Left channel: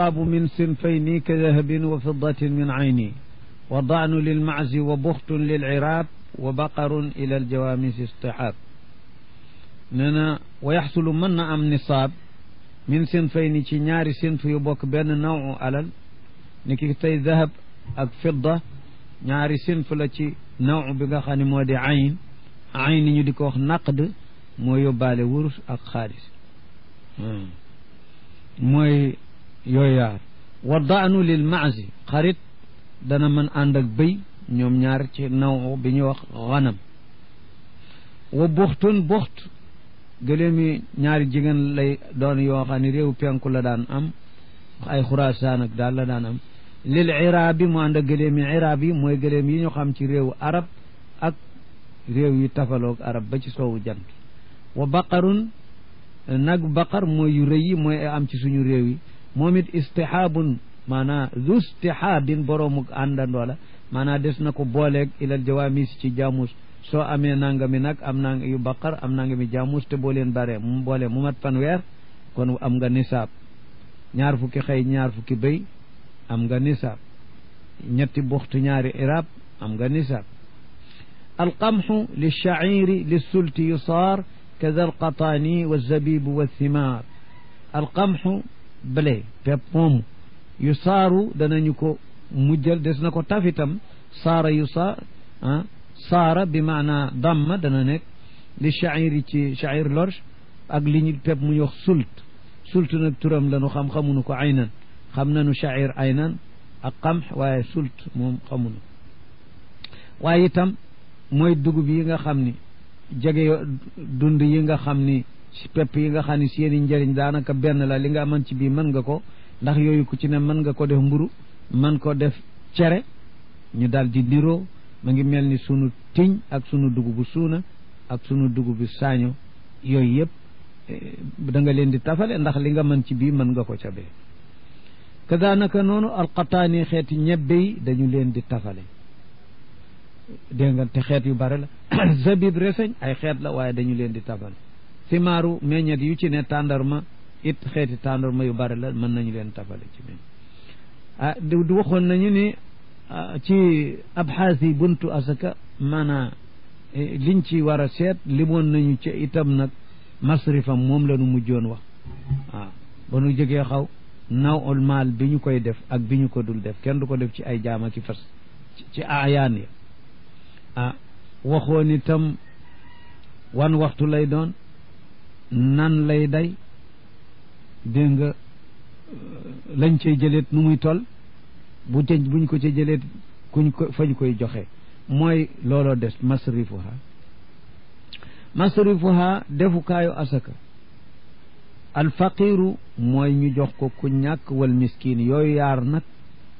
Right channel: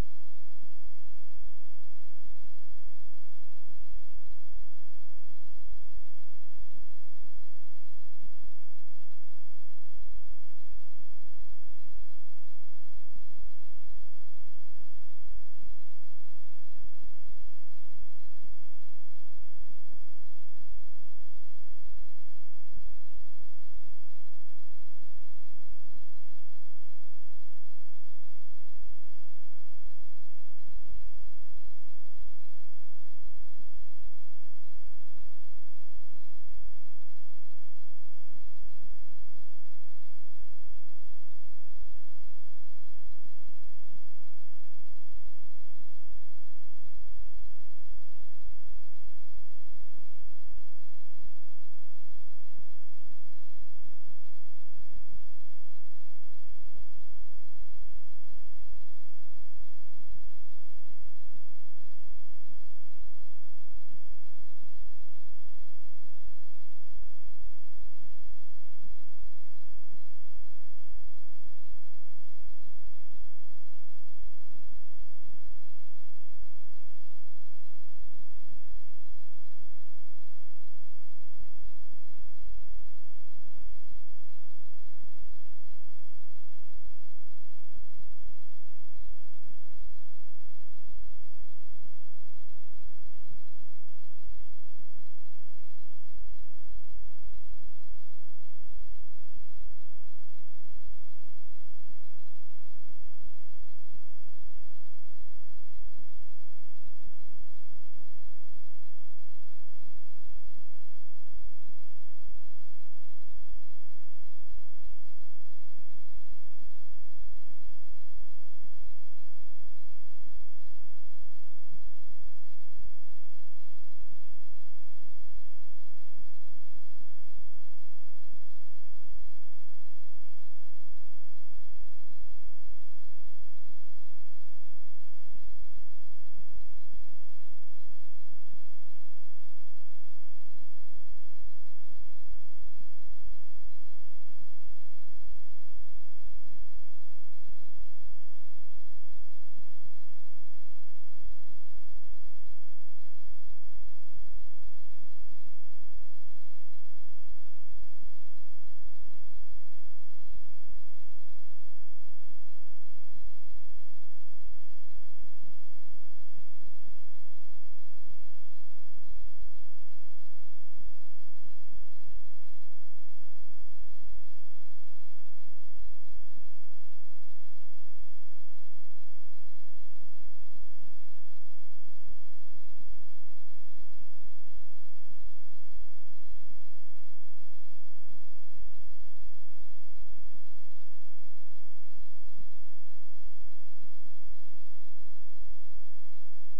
nisaabu min sinfayni ka dahabin wa fiddatin min ayni wa daanu lilmaczi wa buxtun lilciraab wa baqarun ila aljawaamisi istihaab nee na wa yaxsulu mën na am nisaab min sinfayni ci ñaari sinf yu bokk benn nawu alal ni ki tey dahab ak fidda ñaari sinf la ci naw bi nga xam ne moo di ayn ayn ñu di ko wax naqd moo yóbbaale wurus ak xaalis mooy yooyu yaar wa daanu lil maazi xarit dana mën ànd ak bëy ñoom ñaar ci naw bi ñuy wax xanam wa buxtun buxt gëléem yi ñaari jigéen lay doon yoo xam ne réew penku la daan am ay xuraasaan ak daal la daan am lil iraabi mu ànd ak gëléem yi iraab yi mooy gëléem yi ñu xam ci réewu arab ak réew yi tafaloog arab ba ci soowu jant wa baqarun nag baqar mooy yu rëy yi mooy am ci suñu réew yi moom it istihaabun maanaa zu istihaabin boroomuk àndandoo la maanaa des na ko booleeg ilal jawaamis ci jaamus soo amee nangami nag am nang yu baqar am nangami jaamus te boo leen bare mu boole mu mat fanweer kon am nga nisaab ñaar fukki xëy ñaar fukki béy am nga nisaab ñetti buxtu ñaari irab am nga nisaab alqamxu lilchairi lissulti yusaar kada alqataani walzabibu walthimar alqamxu blé pepp moomu yusaaru danañu ko mujjal des na ko tafitam saara yusaar saara bi maana damma dana nekk lilchairi ci chair lorge ak li ñu pepp mu ñu wax sult nag turam lanu xamuñu ko aynan xam nañu chair aynan ak qamx waaye sult moom xamuñu waaye itam mooy dugub yi nga xam ni jege dund yi nga xam ni pepp yi nga xam ni seeni njëriñ daanaka benn la li nga mën ci bii mën nga ko ndax yooyu ku ci ne mën nga ko def mburu mën ko def cere ñu daal di niroo ma ngi mel ni sunu tiñ ak sunu dugubu suuna ak sunu dugubu saaño yooyu yëpp da nga leen di tafale ndax li nga mën ci bii mën nga ko ca bee kadaanaka noonu alqataani xeeti ñebbe yi dañu leen di tafale dégg nga te xeet yu bare la zabib reseñ ay xeet la waaye dañu leen di tafale simaaru meññet yu ci ne tàndarma it xeeti tàndarma yu bare la mën nañu leen tafale ci meñ du waxoon nañu ni ci abxaas yi buntu asaka maanaa liñ ci war a seet limoon nañu ci itam nag masrifam moom la nu mujjoon wax waaw ba nu jógee xaw nawul maal bi ñu koy def ak bi ñu ko dul def kenn du ko def ci ay jaama ki fas ci aayaan ya waxoon itam wan waxtu lay doon nan lay day dégg nga lañ cay jëleet nu muy toll buñ ko ca jëleet kuñ ko fañ koy joxe mooy looloo des masrifuha defukaayu asaka alfaqiru mooy ñu jox ko ku ñàkk wal miskin yooyu yaar nag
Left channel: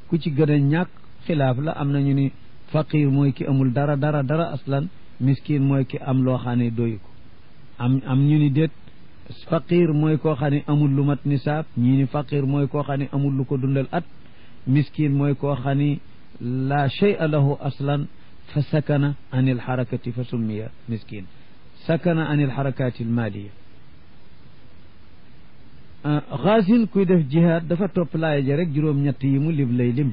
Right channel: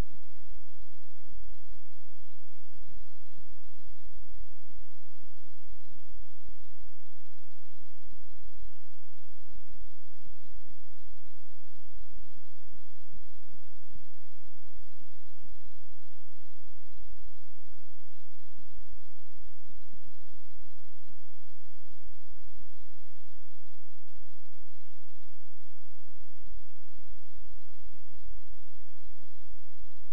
ku ci gën a ñàkk xilaaf la am nañu ni faqir mooy ki amul dara aslan miskin mooy ki am loo xam ne doyu ko am ñu ni déet faqir mooy koo xam ne amul lu mat nisaab ñii ni faqir mooy koo xam ne amul lu ko dundal at miskin mooy koo xam ne la shay'a lahu aslan fa sakana an il xarakati fa summiya miskin sakana an il xarakati almaliya xaasin kuy def jihaad dafa topp laaya ja rek juróom-ñett yi mu lim lay lim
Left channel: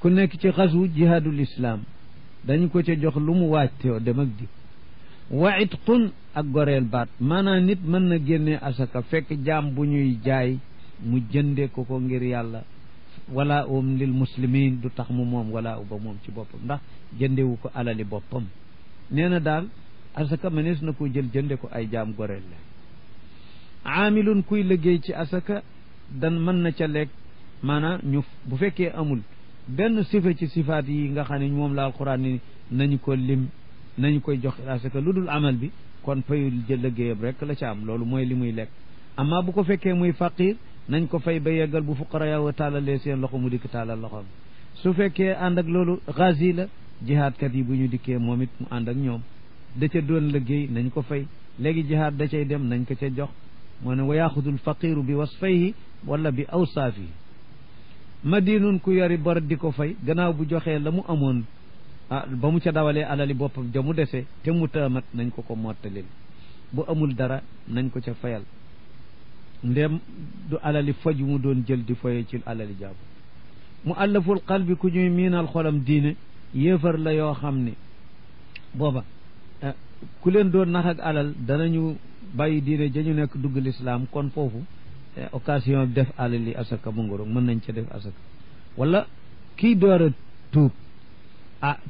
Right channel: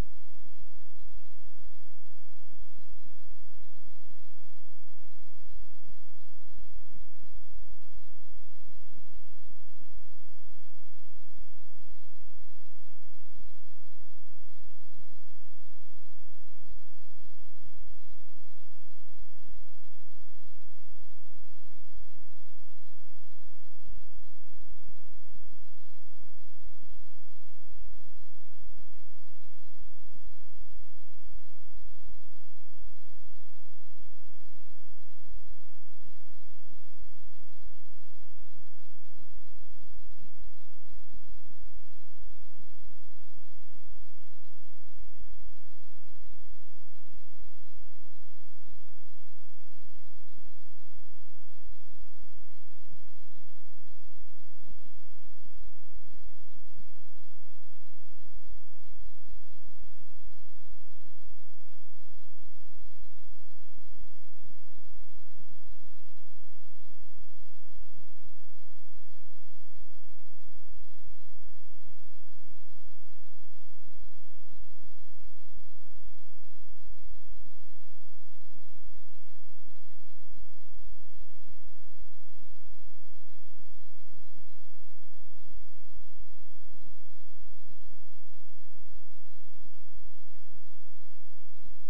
ku nekk ci xasu jihaadul islam dañu ko ca jox lu mu waajteo dem ak di wa itqun ak goreel baat maanaam nit mën na génnee asaka fekk jaam bu ñuy jaay mu jënde ko ngir yàlla wala lil muslimin du tax mu moom wala ba moom ci boppam ndax jëndewu ko alali boppam nee na daal asaka mënees na ko jël jënde ko ay jaam goreel la aamilun kuy liggéey ci asaka dan mën na ca lekk maanaam ñu bu fekkee amul benn sifa ci sifaat yi nga xam ne moom la alquran ni nañu ko lim nañu koy jox asaka lu dul amal bi kon fayul jël liggéeyam rek la ca am loolu mooy li muy lekk amma bu ko fekkee muy faqir nañ ko fay ba yeggal bu fuqara yaw taalalee seen loxo mu dikk taalal loxoom su fekkee ànd ak loolu ghazi la jihaadkat yi bu ñu dikkee moom it mu ànd ak ñoom da ca doon liggéey nañ ko fay léegi jihaad da cay dem nañ ko ca jox moo ne wa yaxudul faqiru bi wasfayhi wala bi awsaafi madinun ku yori bor di ko fay gannaaw bu joxee la mu amoon ba mu ca dawalee alali boppam ja mu dese te mu taamat nañ ko ko mottalil bu amul dara nañ ko ca fayal ndem du alali foj mu doon jël di foye ci alali jàmm mu allaful qalbi ku ñuy miinal xolam diine yéefar la yoo xam ne booba ku leen doon nax ak alal danañu bàyyi diine jañu nekk dugg lislaam kon foofu occasion def alali asaka mu ngoro mën nañ ca def asaka wala kii door a tuub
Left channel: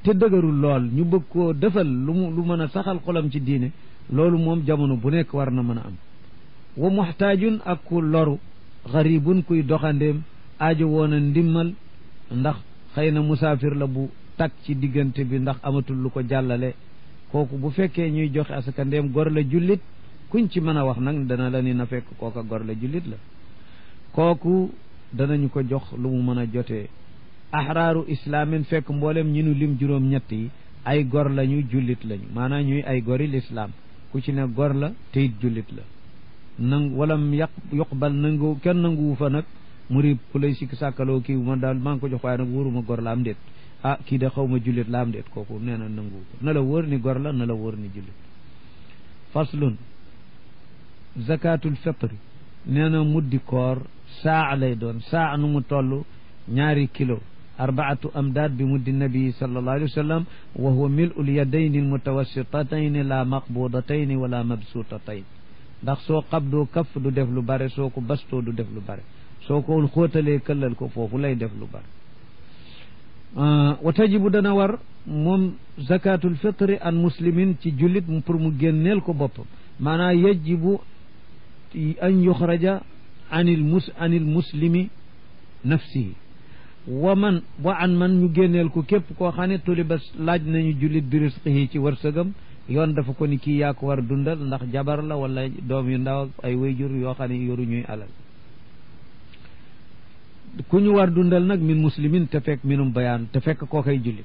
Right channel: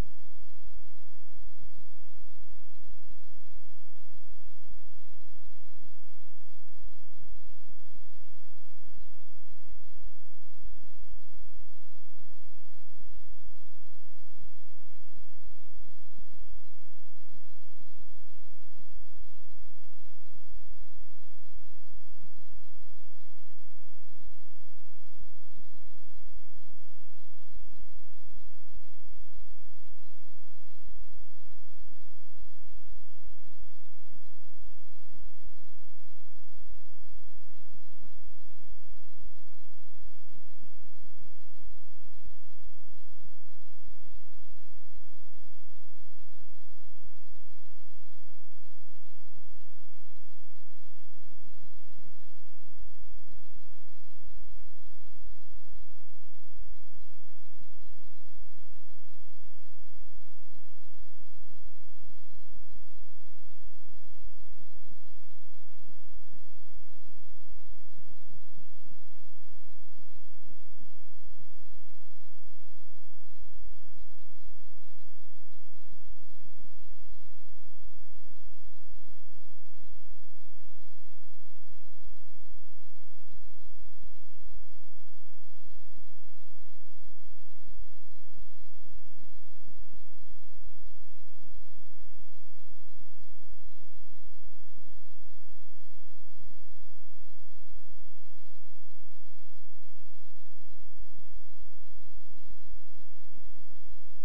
te dëgërul lool ñu bëgg koo defal lu mën a saxal xolam ci diine loolu moom jamono bu nekk war na mën a am wa muxtaajun ak ku loru xaribun kuy doxandeem aajo woon a ndimmal ndax xëy na musaafir la bu tak ci diggante bi ndax amatul lu ko jàllale kooku bu fekkee ñuy joxe asaka ndéem gor la jullit kuñ ci mën a wax nag dana la ni na fekk kooka gor la jullit la kooku danañu ko jox lu mu mën a jotee ahraaru islaamin fekk mboolem ñi nu lim juróom-ñett yi ay gor lañu jullit lañu maanaam ñuy ay gori lislaam ku ci ne gor la te it jullit la walam yuqbal nangu kenn nanguwu fa nag muri ku lay sikk sàkkaloo kii man daal maa ngi ko jox waaye nag wóoruma gor la am déet kii de xaw ma jullit la am déet kooku nee na nanguwu ko na la wóor ni gor la na la wóor ni jullit faslun zakatul fitri nee na muddi koor saa lay doon saa nu mu toll 2 kilo 4 amdaad bi muddi nabii sallallahu alayhi wa sallam wa huwa mil'ul yadayni almutawassitatayn la maqbudatayn wala mabsutatayn ndax soo xabdoo kaf du def lu bare soo ko bastoo du def lu bare soo ko xóotalee këllal ko foofu lay def lu bare wa tajibu dana war moom zakatul fitri an muslimin ci jullit pour mu génneel ko boppam maanaam yajibu an yuxraja anil muslimi nafsihi wa an man ñu génneel ko képp koo xam ne tuliba laaj nañu jullit bi risqihi ci wërsëgam yoon dafa ko ni kii yaa ko war dundal ndax jabar la wala doom yu ndaw ay wayjur yoo xam ne yoru ñuy alal ku ñu war dundal nag min muslimin te fekk minum bayaan te fekk koo koy jullit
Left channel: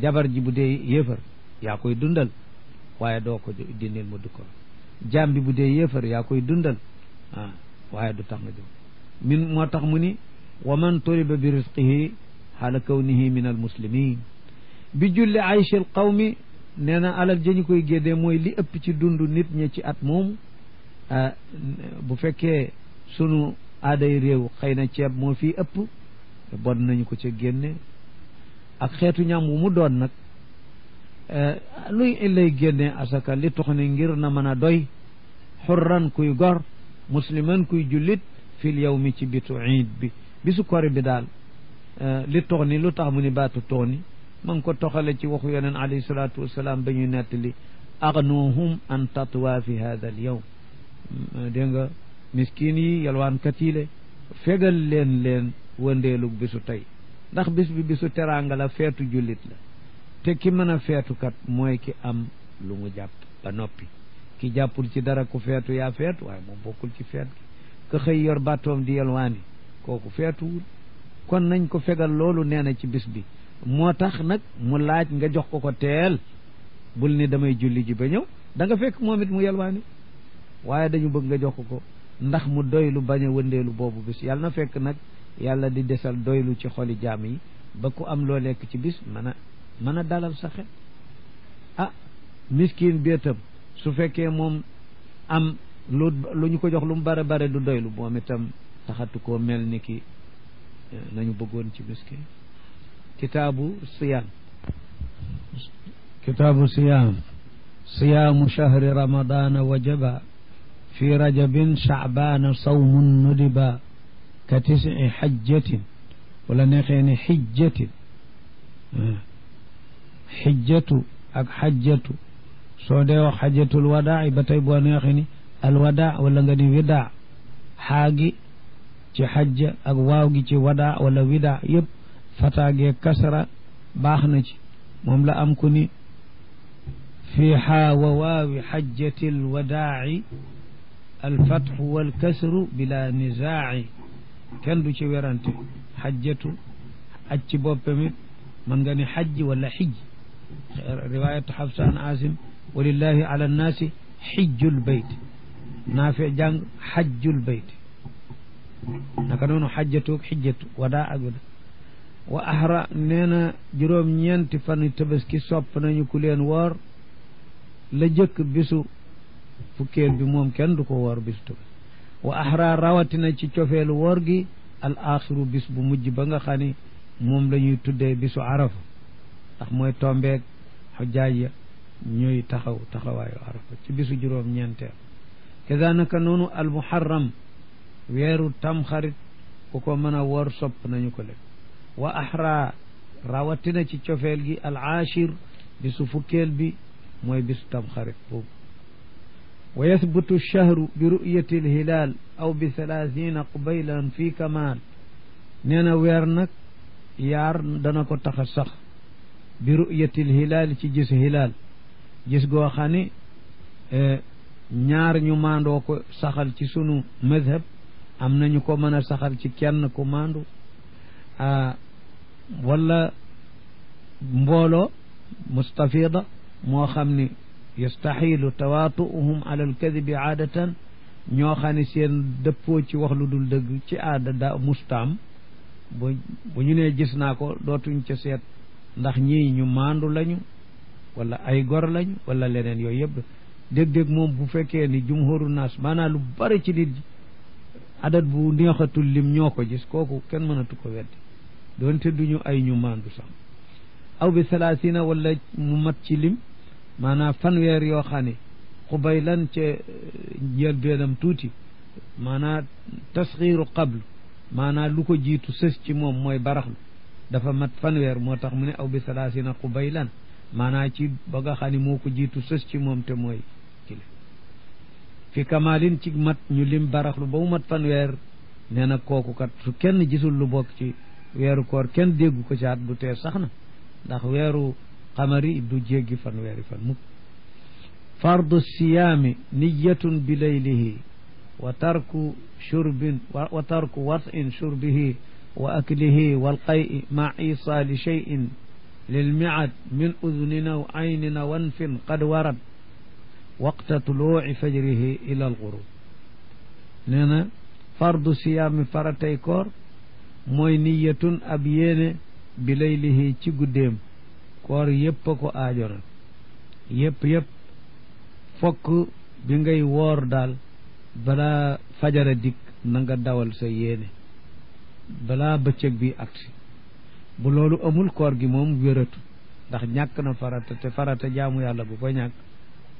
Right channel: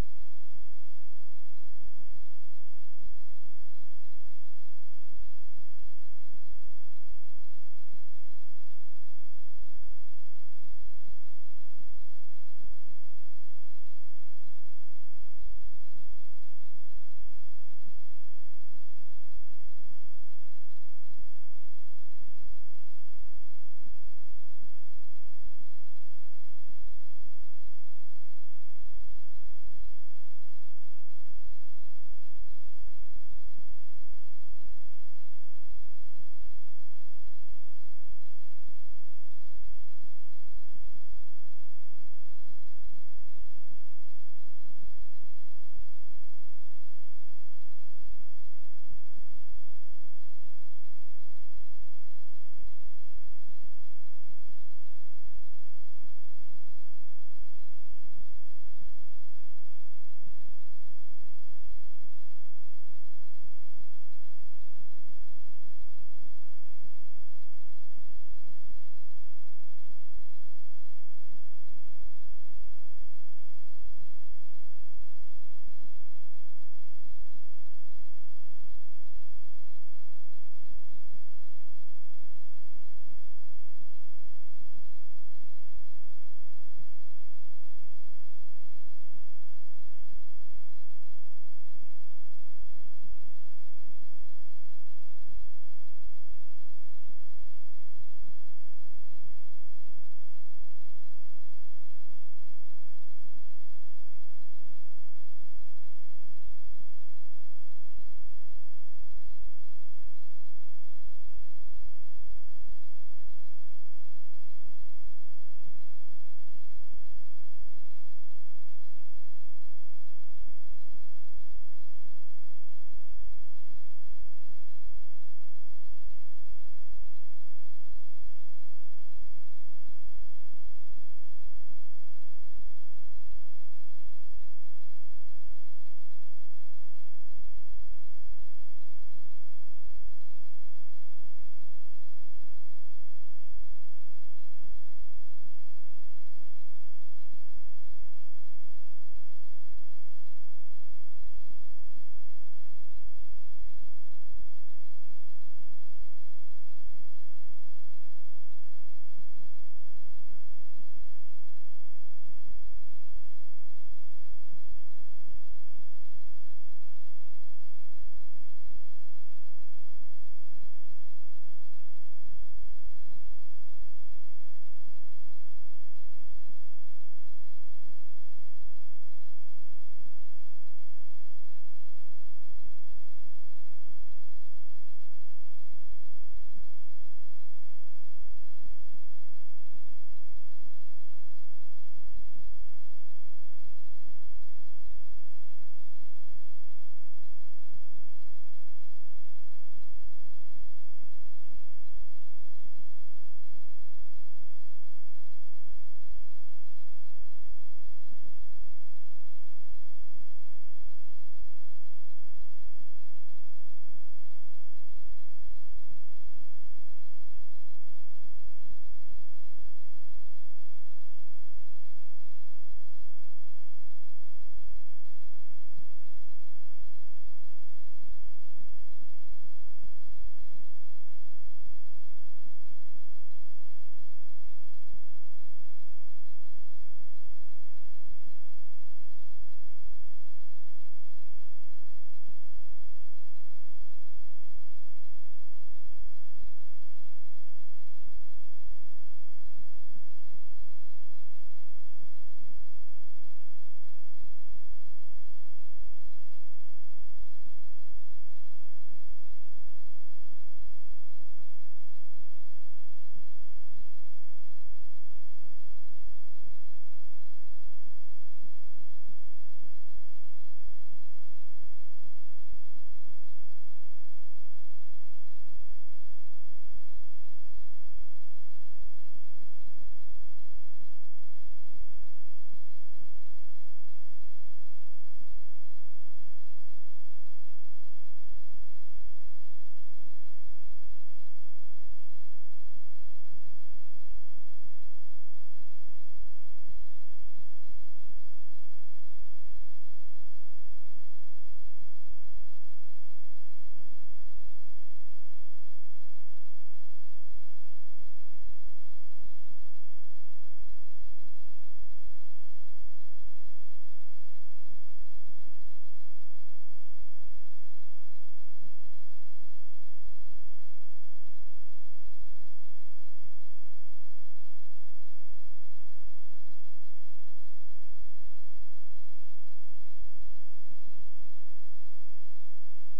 jabar ji bu dee yéefar yaa koy dundal waaye doo ko dindil mu du ko jaam bi bu dee yéefar yaa koy dundal waaye du tax nga jóg min moo tax mu ni wa man turiba bi risqihi xaala kawnihi min al muslimin bi julli aychi al qawmi nee na alal jañu koy géddee mooy li ëpp ci dund nit ñi ci at moomu bu fekkee sunu aaday réew xëy na ceeb moo fii ëpp bon nañu ko ca génne ak xeetu ñam wu mu doon nag luy lay génne asaka li tax ne ngir na mën a doy xurran kuy gor musliman kuy jullit fil yawmi ci bitu iid bi bisu kori bi daal li tax ni lu tax mu ni baatu tax ni ma ngi ko toxale ci waxu yoneen alayhi salaatu wasalaam ba ñuy nettali agnuhum an tatwa fi hada al yawm dégg nga miskin yi yalwaankat yi le fegal leen wëndeelu bisu tey ndax bis bi bisu teraanga la feetu jullit la te ki mën a feetukat mooy ki am lu mu jàpp ba noppi ki jàppul ci dara ku feetu yaa feetu waaye moom bokkul ci feet gi ka xëy yor bàttoom di yalwaani kooku feetuwul kon nañ ko fegal loolu nee na ci bis bi moo tax nag mu laaj nga jox ko teel bul ni damay julli ji ba ñëw da nga fekk moom it mu yalwaani waaye dañu bëgg nga jox ko ndax mu doylu bañ a wëndeelu boobu bis yàlla na fekk nag yàlla di desal doylu ci xoli jaam yi ba ku am loo lekk ci bis mën a dalal sa xel miskin béetam su fekkee moom am lu ñu ko jox lu mu bare bare du doylu moom itam taxatu koo mel ni ki nañu bëggoon ci miskin kitaabu siyaam siyaamu shahri ramadana wajaba fi rajabin sha'bana sawmun nudiba ka 9 xajjatin wala neexee ne xijjatin xijjatu ak xajjatu soo dee wax xajjatul wadaa ba tey boo neexee ni alwadaa wala nga ni widaa xaagi ci xajja ak waaw gi ci wadaa wala widaa yëpp fataagee kasra baax na ci moom la am ku ni fi xaa wa waawi xajjatil wadaa'i alfatxu walkasru bila nizaa'i kenn du ci werante xajjatu aj ci boppamit mën nga ni xajj wala xijj riwayatu xafsa an asim walillahi ala nnaasi xijjul bayt naafe jàng xajjul bayt naka noonu xajjatu ak xijjatu wadaa ak wada wa ahra nee na juróom-ñeenti fan tabaski sopp nañu ku leen woor la jëkk bisu fukkeel bi moom kenn du ko woor bisu tabaski wa ahra rawatina ci cofeelu woor gi al axiru bis bu mujj ba nga xam ni moom la ñuy tuddee bisu arafa ndax mooy tombeeg xujjaaj ya ñuy taxawaayu arafa ci bisu juróom-ñeenteel kazanaka noonu al muharram weeru tamxarit ku ko mën a woor sopp nañu ko le wa ahra rawatina ci cofeel gi al ashir bisu fukkeel bi mooy bisu tamxarit boobu wa yathbutu lchahru bi ru'yati lhilaal aw bi 30 qubaylan fi kamaal nee na weer nag yaar dana ko tax a sax bi ru'yati lhilaal ci gis hilaal gis goo xam ni ñaar ñu maandoo ko saxal ci sunu madhab am nañu ko mën a saxal ci kenn ku maandu wala mbooloo mustafida moo xam ni yastaxilu tawaatu'uhum ala alkadibi aadatan ñoo xam ne seen dëppoo ci wax lu dul dëgg ci aada da mustaam bu ñu nee gis naa ko dootuñ ca seet ndax ñii ñu maandu lañu wala ay gor lañu wala leneen yooyu yëpp dég-dég moom bu fekkee ni jumhuru naas maanaam lu bari ci nit adat bu neexatul lim ñoo ko gis kooku kenn mënatu ko weddi doonte duñu ay ñu maandu sax aw bi 30 wala mu mat ci lim maanaam fanweer yoo xam ne xubay lan ca njël beenam tuuti maanaam tasxiiru qabl maanaam lu ko jiitu sës ci moom mooy baraxlu dafa mat fanweer moo tax mu ne aw bi 30 xubay lan maanaam ci ba nga xam ne moo ko jiitu sës ci moom te mooy kile fi kamaalin ci mat ñu lim baraxlu ba mu mat fanweer nee na kooku kat su kenn gisul lu bokk ci weeru koor kenn déggu ko ci at du tee sax na ndax weeru xamari du jéggi fanweeri fan mukk fardu siyaami niyatun bi laylihi wa tarku shurbin wa tarku wat'in shurbihi wa aklihi wal qay'i ma isaali shay'in lil mi'ad min udhunin aw aynin aw anfin qad warad waqta tuluu'i fajrihi ila al ghurub nee na fardu siyaami faratay koor mooy niyatun ab yéene bi laylihi ci guddeem koor yëpp a ko aajo nag yëpp fokk bi ngay woor daal balaa fajara dikk na nga dawal sa yéene balaa bëccëg bi agsi bu loolu amul koor gi moom wératu ndax ñàkk na farata te farata jaamu yàlla bu ko ñàkk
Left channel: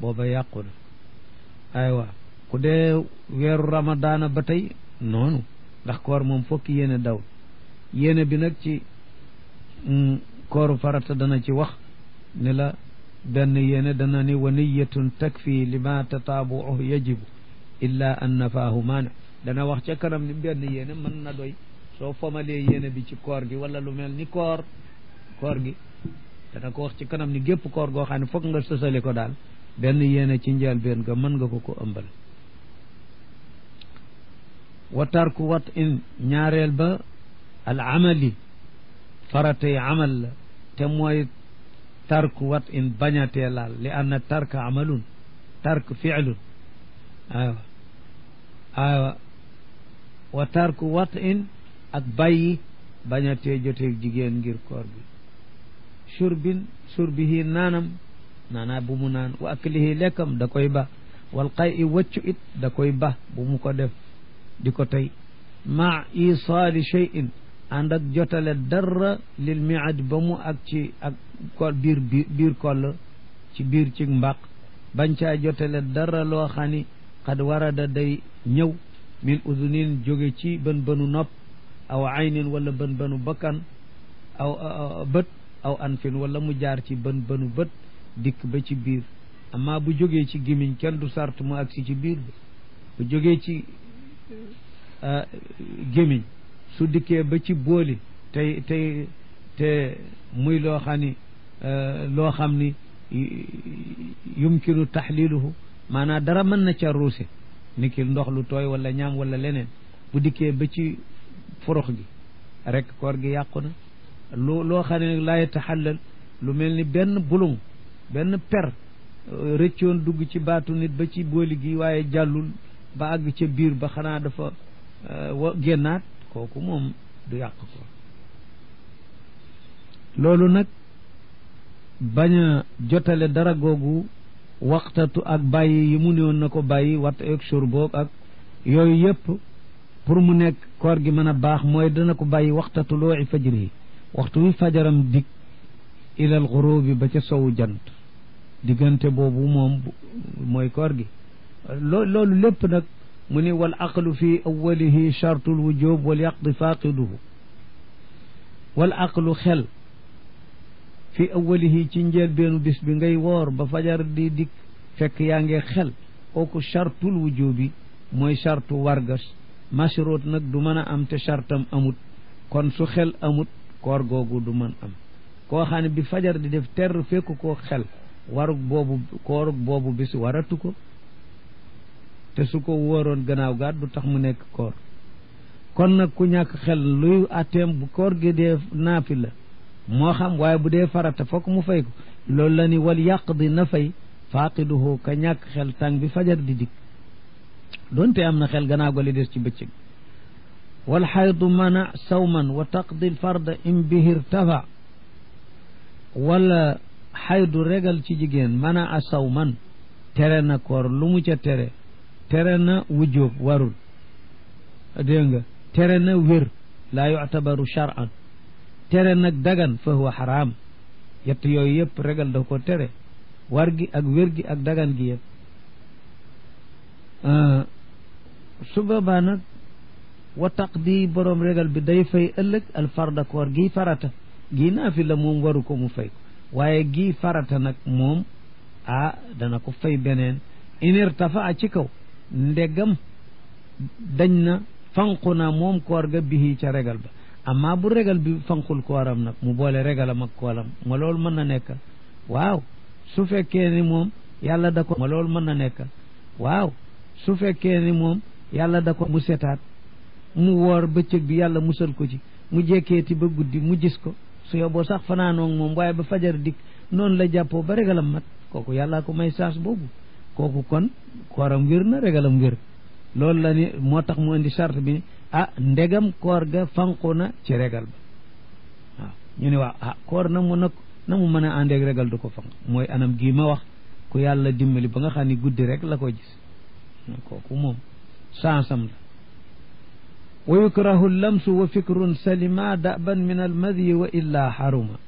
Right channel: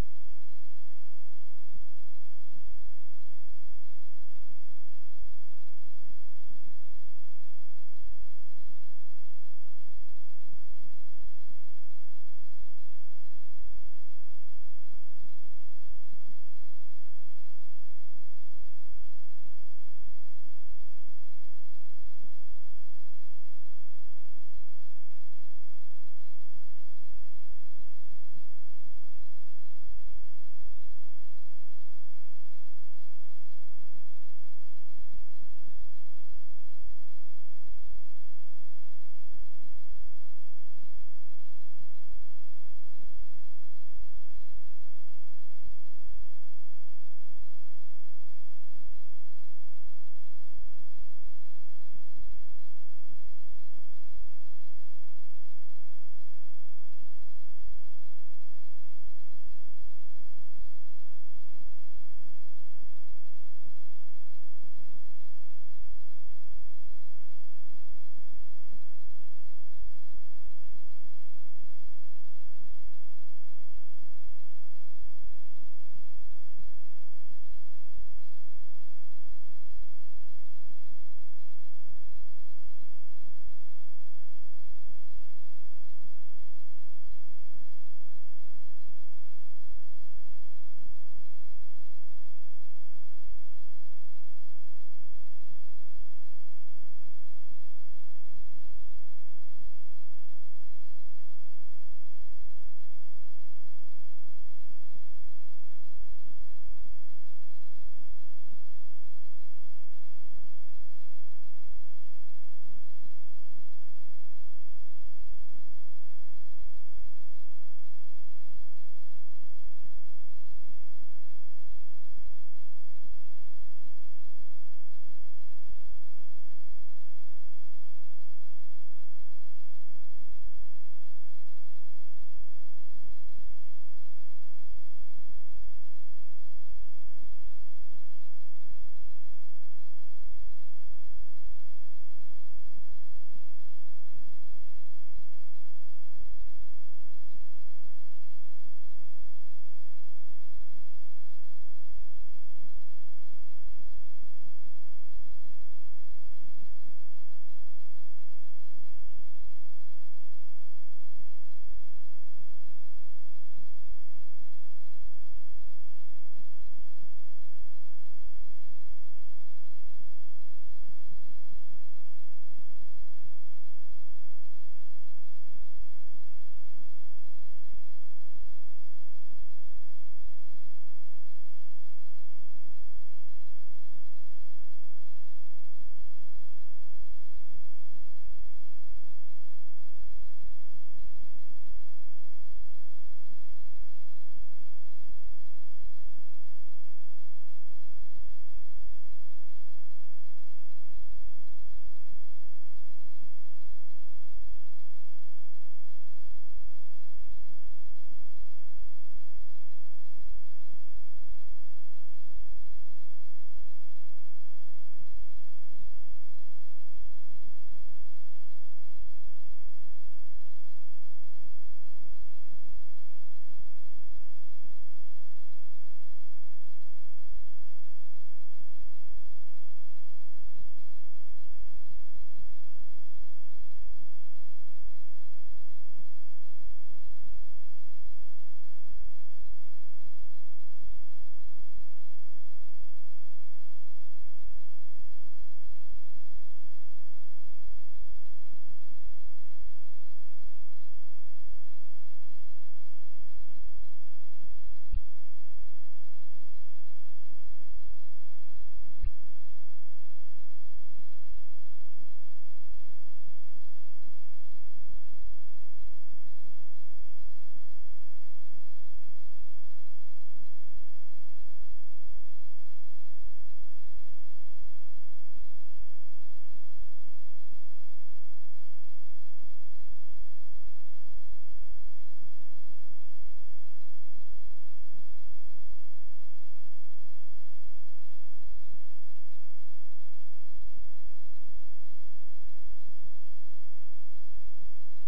booba yàqu na aywa ku dee weeru ramadaana ba tey noonu ndax koor moom fokki yéene daw yéene bi nag ci kooru farata dana ci wax ne la benn yéene dana ni wa niyatun takfi lima tataabu'u yajibu illa an nafaahu maane dana wax ca kanam ni benn yéene mën na doy soo fomalee yéene bi ci koor gi wala lu mel ni koor gi dana ko wax ci kanam ni gépp koor goo xam ne foog nga sësale ko daal benn yéene ci njël benn nga mën nga ko ëmbal wa tarku wat in ñaareel ba al amali faratay amal la te mooy tarku wat in bañatee laal li anna tarka amalun tark fi'lun aywa wa tarku wat in ak bàyyi bañatee joteeg jigéen ngir koor bi surbihi naanaa bu mu naan wa aklihi lekkam da koy ba wal qay waccu it da koy ba bu mu ko def di ko tey ma isaali shay'in ànd ak jotale dara lil miad ba mu ak ci ak kol biir koll ci biir ci mbaq bañ caa jotale dara loo xam ni xad warada day ñëw min udunin jóge ci bën bënu nopp aw aynin wala bën bënu bakkan aw bët aw anfin wala mu jaar ci bën bënu bët dikk ba ci biir amma bu jógee ci gémmiñ kenn du sart mu agsi ci biir bu jógee ci gémmiñ su dikkee ba ci booli te muy loo xam ni yumkinu taxliluhu maanaam dara mën na ca ruuse ni ki ndox lu tooy wala ñaam wala leneen bu dikkee ba ci forox gi rek koor gi yàqu na loo xam ne nag laa yataxallal lu mel ni benn bulung benn per rëccoon dugg ci baatu nit ba ci booli gi waaye jàllul ba àgg ca biir ba xanaa dafa génnaat kooku moom du yàq ko loolu nag bañ a jotale dara googu waxtatu ak bàyyi yi mu néewoon na ko bàyyi wat ak shurboog ak yooyu yëpp pour mu nekk koor gi mën a baax mooy dana ko bàyyi waxta tulooci fajri waxtu wi fajaram dig ilal xurubi ba ca sowu jant diggante boobu moom mooy koor gi loolu lépp nag mu ni wal aqlu fi awalihi chartul wujub wal yaqdi faqiduhu wal aqlu xel fi awalihi ci njëlbeenu bis bi ngay woor ba fajar di dikk fekk yaa ngi xel kooku chartul wujubi mooy chartu wargas mashrut nag du mën a am te chartam amut kon su xel amut koor googu du mën am koo xam ne bi fajar di def ter fekk koo xel warug boobu koorug boobu bis waratu ko te su ko wóoroon gannaaw gaat du tax mu nekk koor kon nag ku ñàkk xel luy atteem bu koor gi dee naafi la moo xam waaye bu dee farata fokk mu fay ko loolu la ni wal yàq di na fay faaqiduhu ka ñàkk xel tàng bi fajar di dikk doonte am na xel gannaaw ga li des ci bëccëg wal xaydu mana sawman wa taqdi l farda im bihir tafa wala xaydu regal ci jigéen mana a sawman tere na koor lu mu ca tere na wujjóob warul dégg nga tere na wér laa yuctabaru shar'an tere nag dagan fa huwa xaraam yett yooyu yëpp regal da ko tere war gi ak wér gi ak dagan gi yëpp su boobaa nag wa taqdi boroom regal bi day fay ëllëg al farda koor gii farata gii naafi la moom waru ko mu fay ko waaye gii farata nag moom dana ko fay beneen inirtafa a ci kaw ndegam dañ na fanqu na moom koor ga bihi ca regal ba amma bu regal bi fanqul kooram nag mu boole regalam ak kooram ma loolu mën na nekk waaw su fekkee ni moom yàlla da ko ma loolu mën na nekk waaw su fekkee ni moom yàlla da ko mu setaat mu woor bëccëg bi yàlla musal ko ci mu jekkeeti ba guddi mu gis ko su yoboo sax fanaanoog moom waaye ba fajar dikk noonu la jàppoo ba regalam mat kooku yàllaa ko may saas boobu kooku kon kooram wér na regalam wér loolu la ni moo tax mu indi charte bi ndegam koor ga fanqu na ci regal ba waaw ñu ne waaw koor na mu mën a àndeeg regal du ko fanq mooy anam gii ma wax ku yàlla dimbali ba nga xam ni guddi rek la ko gis kooku moom sansam la wa yukrahu lamsu wa fikrun salima daban min al madyi wa illa haruma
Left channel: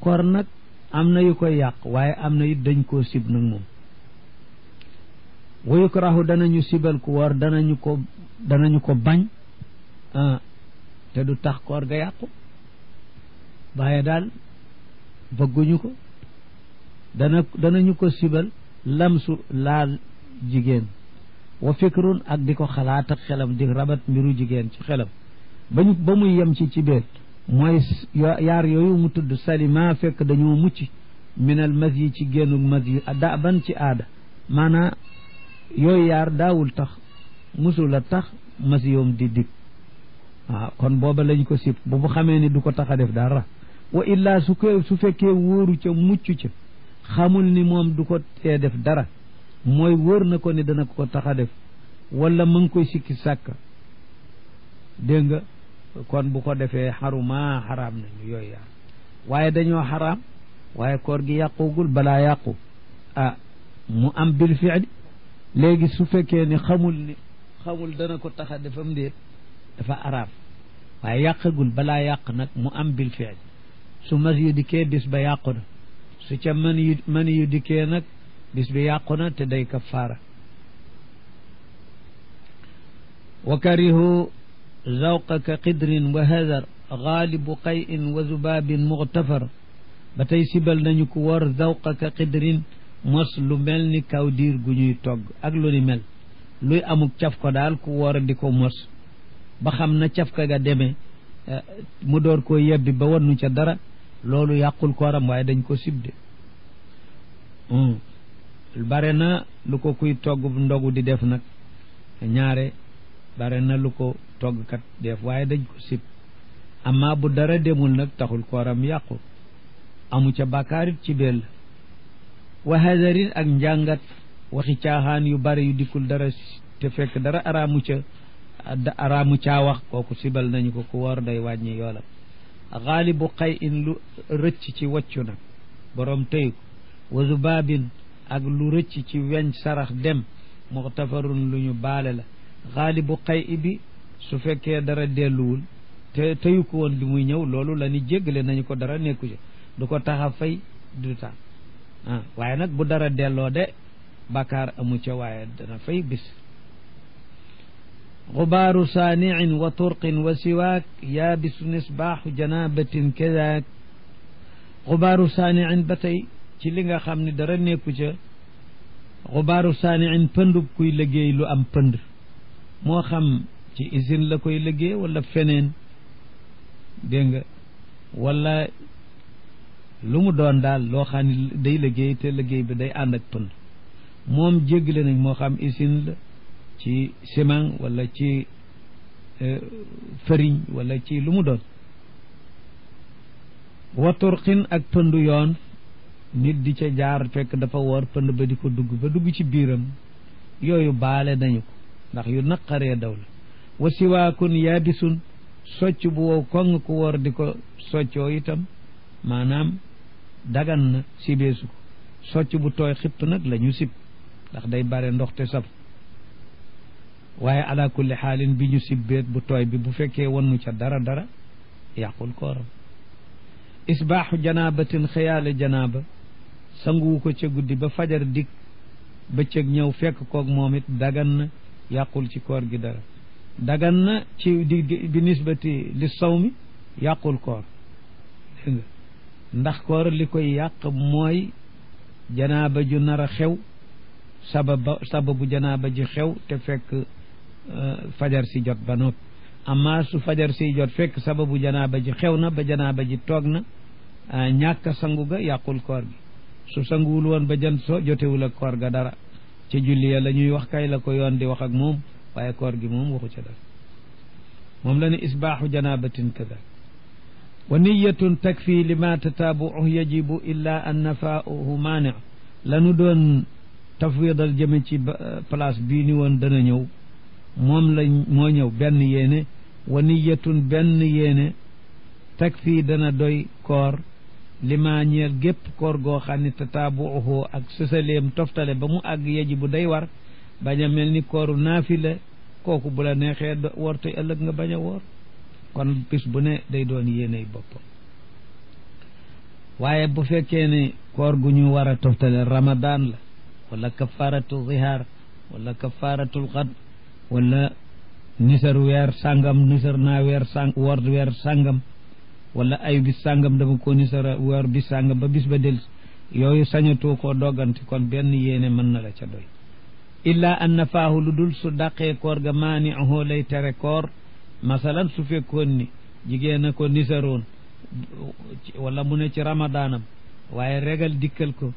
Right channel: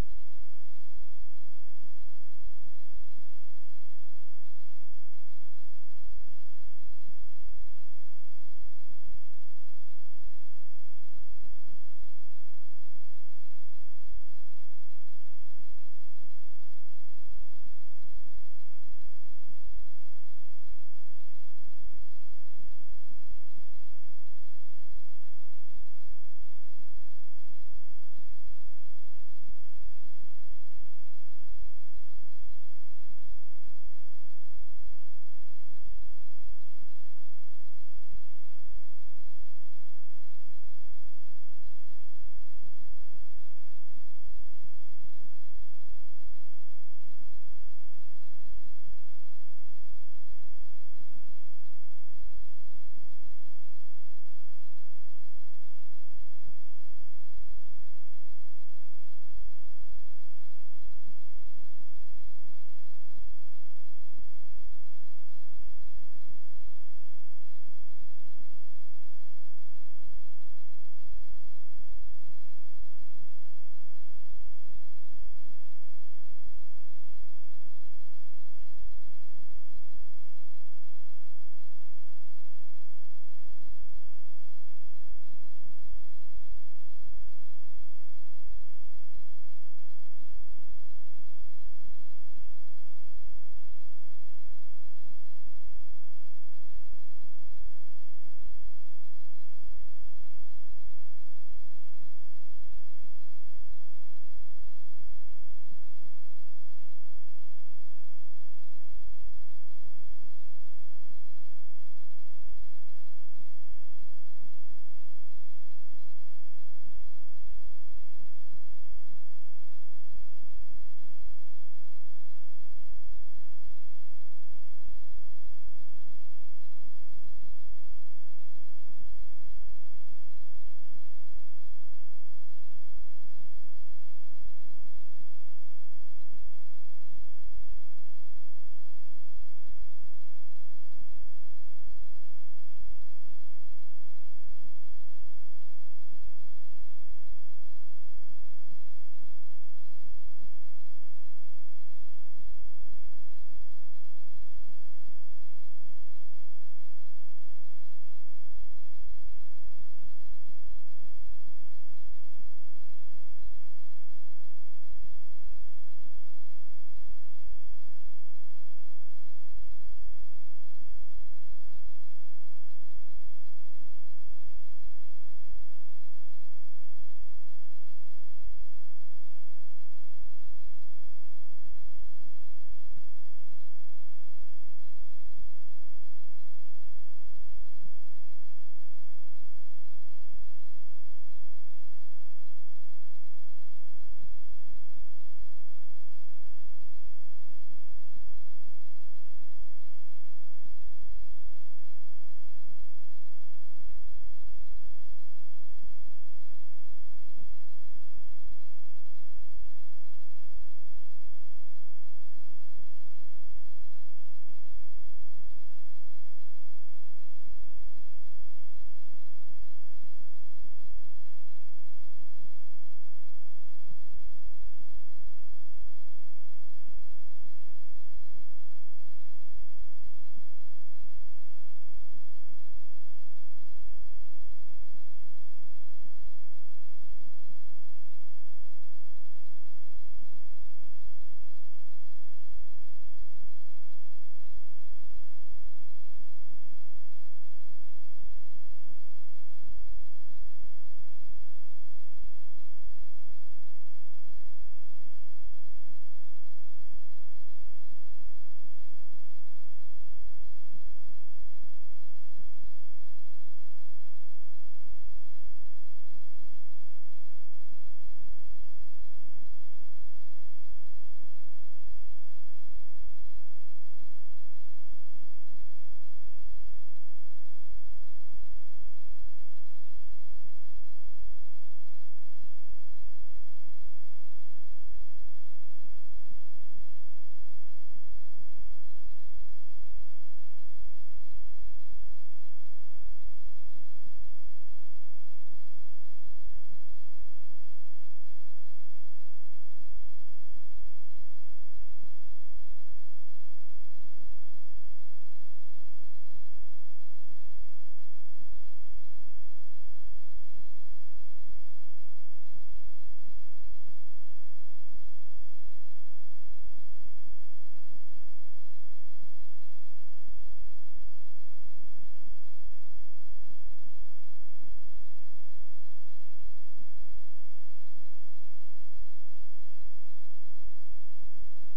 koor nag am na yu koy yàq waaye am na it dañ koo sib nag moom wa yukrahu danañu sibal ku woor danañu ko bañ te du tax koor ga yàqu waaye daal bëgguñu ko danañu ko sibal lamsu laal jigéen wa fikrun ak di ko xalaat ak xelam di rabat mbiru jigéen ci xelam ba muy yem ci biir mooy yaar yooyu mu tudd salima fekk dañoo mucc minal mas yi ci génnug mas yi da ban ci aada maanaa yooyu yaar daawul tax musul a tax mas yoom di dig waaw kon booba lañ ko sib bu xamee ni du ko tax a def dara wa illaa su fekkee wóoru ca mucc ca xamul ni moom du ko tee def dara mooy wóor na ko ni dana ko tax a def wala mu ngi koy sikki sàkk dégg nga kon bu ko defee xaruma xaraam nañu yooyu yaar waaye dañoo xaraam waaye koor gi yàqugul balaa yàqu mu am bil fi'li léegi su fekkee ni xamul dana ko tax a defam déet dafa araam waaye yàqagul balaa yàq nag mu am bil fi'li su mas yu dikkee bis ba yàqu na su ca mën yu dikkee nag bis bi yàqu na te day kafaara wa karihu zawqa ka qidrin wa hadar gaalibu qayin wa zubaabin muxtafar ba tey sibal nañu ko wor zawqa ka qidrin mos lu mel ni kaw diir gu ñuy togg ak lu ni mel luy amuk caf ko daal ku woor di ko mos ba xam na caf ka ga demee mu door koo yebbi ba wannu ca dara loolu yàqul kooram waaye dañ ko sibde bare na lu ko kuy togg ndogu di def nag ñaare bare na lu ko toggkat def waaye dañ ko sib amma bu dara demul nag taxul kooram yàqu amu ca bàkkaarit ci bel wa hadarin ak njàngat waxi caaxaan yu bare yu dikkul dara te fekk dara araamu caa wax kooku sibal nañu ko ku woor day wàññi yoolam xaalibu xay in lu rëcc ci waccu nag borom tëy ko wa zubaabin ak lu rëcc ci weñ sarax dem muxtafarun lu ñu baale la xaalibu xay bi su fekkee dara delluwul te teyu ko woon bi muy ñëw loolu la ni jéggale nañu ko dara nekku ci du ko tax a fay du tax waaye nag bu dara delloo de bàkkaar amu ca waaye dana fay bis xubaaru saaniin wa turqin wa siwaak yaabisu nisbaaxu janabatin kadaak xubaaru saaniin ba tey ci li nga xam ne dara nekku ca xubaaru saaniin pëndub kuy liggéey lu am pënd moo xam ci usine la koy liggéey wala feneen dégg nga wala lu mu doon daal loo xam ne day liggéey te liggéey bi day ànd ak pënd moom jéggale nañ moo xam usine la ci ciment wala ci farine wala ci lu mu doon wa turqin ak pëndu yoon nit di ca jaar fekk dafa woor pënd ba di ko dugg ba dugg ci biiram yooyu baale nañu ko ndax yu naqaree daw la wa siwaakun yaabisun socc bu wow koŋ ku woor di ko soccoo itam maanaam dagan na sibeesu ko socc bu tooy xipp nag la ñu sib ndax day bare ndox te saf waaye ala kulli xaalin bi ñu sibbeet bu tooy bi bu fekkee wannu ca dara yàqul kooram isbaaxu janaabatin xëyaale janaaba sanguwu ko ca guddi ba fajar dik bëccëg ñëw fekk koog moom it dagan na yàqul ci koor gi dara dagan na ci bi nisbati li sawmi yàqul koor dégg nga ndax koor li koy yàq mooy janaaba ju nar a xew sababu janaaba ji xew te fekk fajar si jot ba noppi amma su fajar si jot fekk sababu janaaba ji xew na ba janaaba ji toog na ñàkk sangu ga yàqul koor gi su sanguwul woon ba jant so jotewul ak koor ga dara ci julli ya la ñuy wax kay la ko yoon di wax ak moom waaye koor gi moom waxu ca dara moom la ne isbaaxu janabatin kada wa niyatun takfi lima tataabuuhu yajibu illa an nafaahu maani lanu doon tafwidal jëme ci place bii ni woon dana ñëw moom la moo ñëw benn yéene wa niyatun benn yéene takfi dana doy koor lima ñeel gépp koor goo xam ne tataabuuhu ak sësaleem toftale ba mu àgg yajibu day war bañ a mel ni kooru naafila kooku bu la neexee woor te ëllëg nga bañ a woor kon bis bu ne day doon yéeney boppam waaye bu fekkee ne koor gu ñu war a toftale ramadan la wala kafaratu zihaar wala kafaratul xad wala nisar weer sàngam nisar naa weer woor weer sàngam wala ay bis sàngam dama ko nisara woor bis sàngam ba bis ba del yooyu sañatoo koo doggante kon benn yéene mën na la ca doy illa an nafaahu lu dul su dàqee koor ga maani'uhu lay tere koor masalan su fekkoon ni jigéen a ko nisaroon wala mu ne ci ramadaanam waaye regal dikkal ko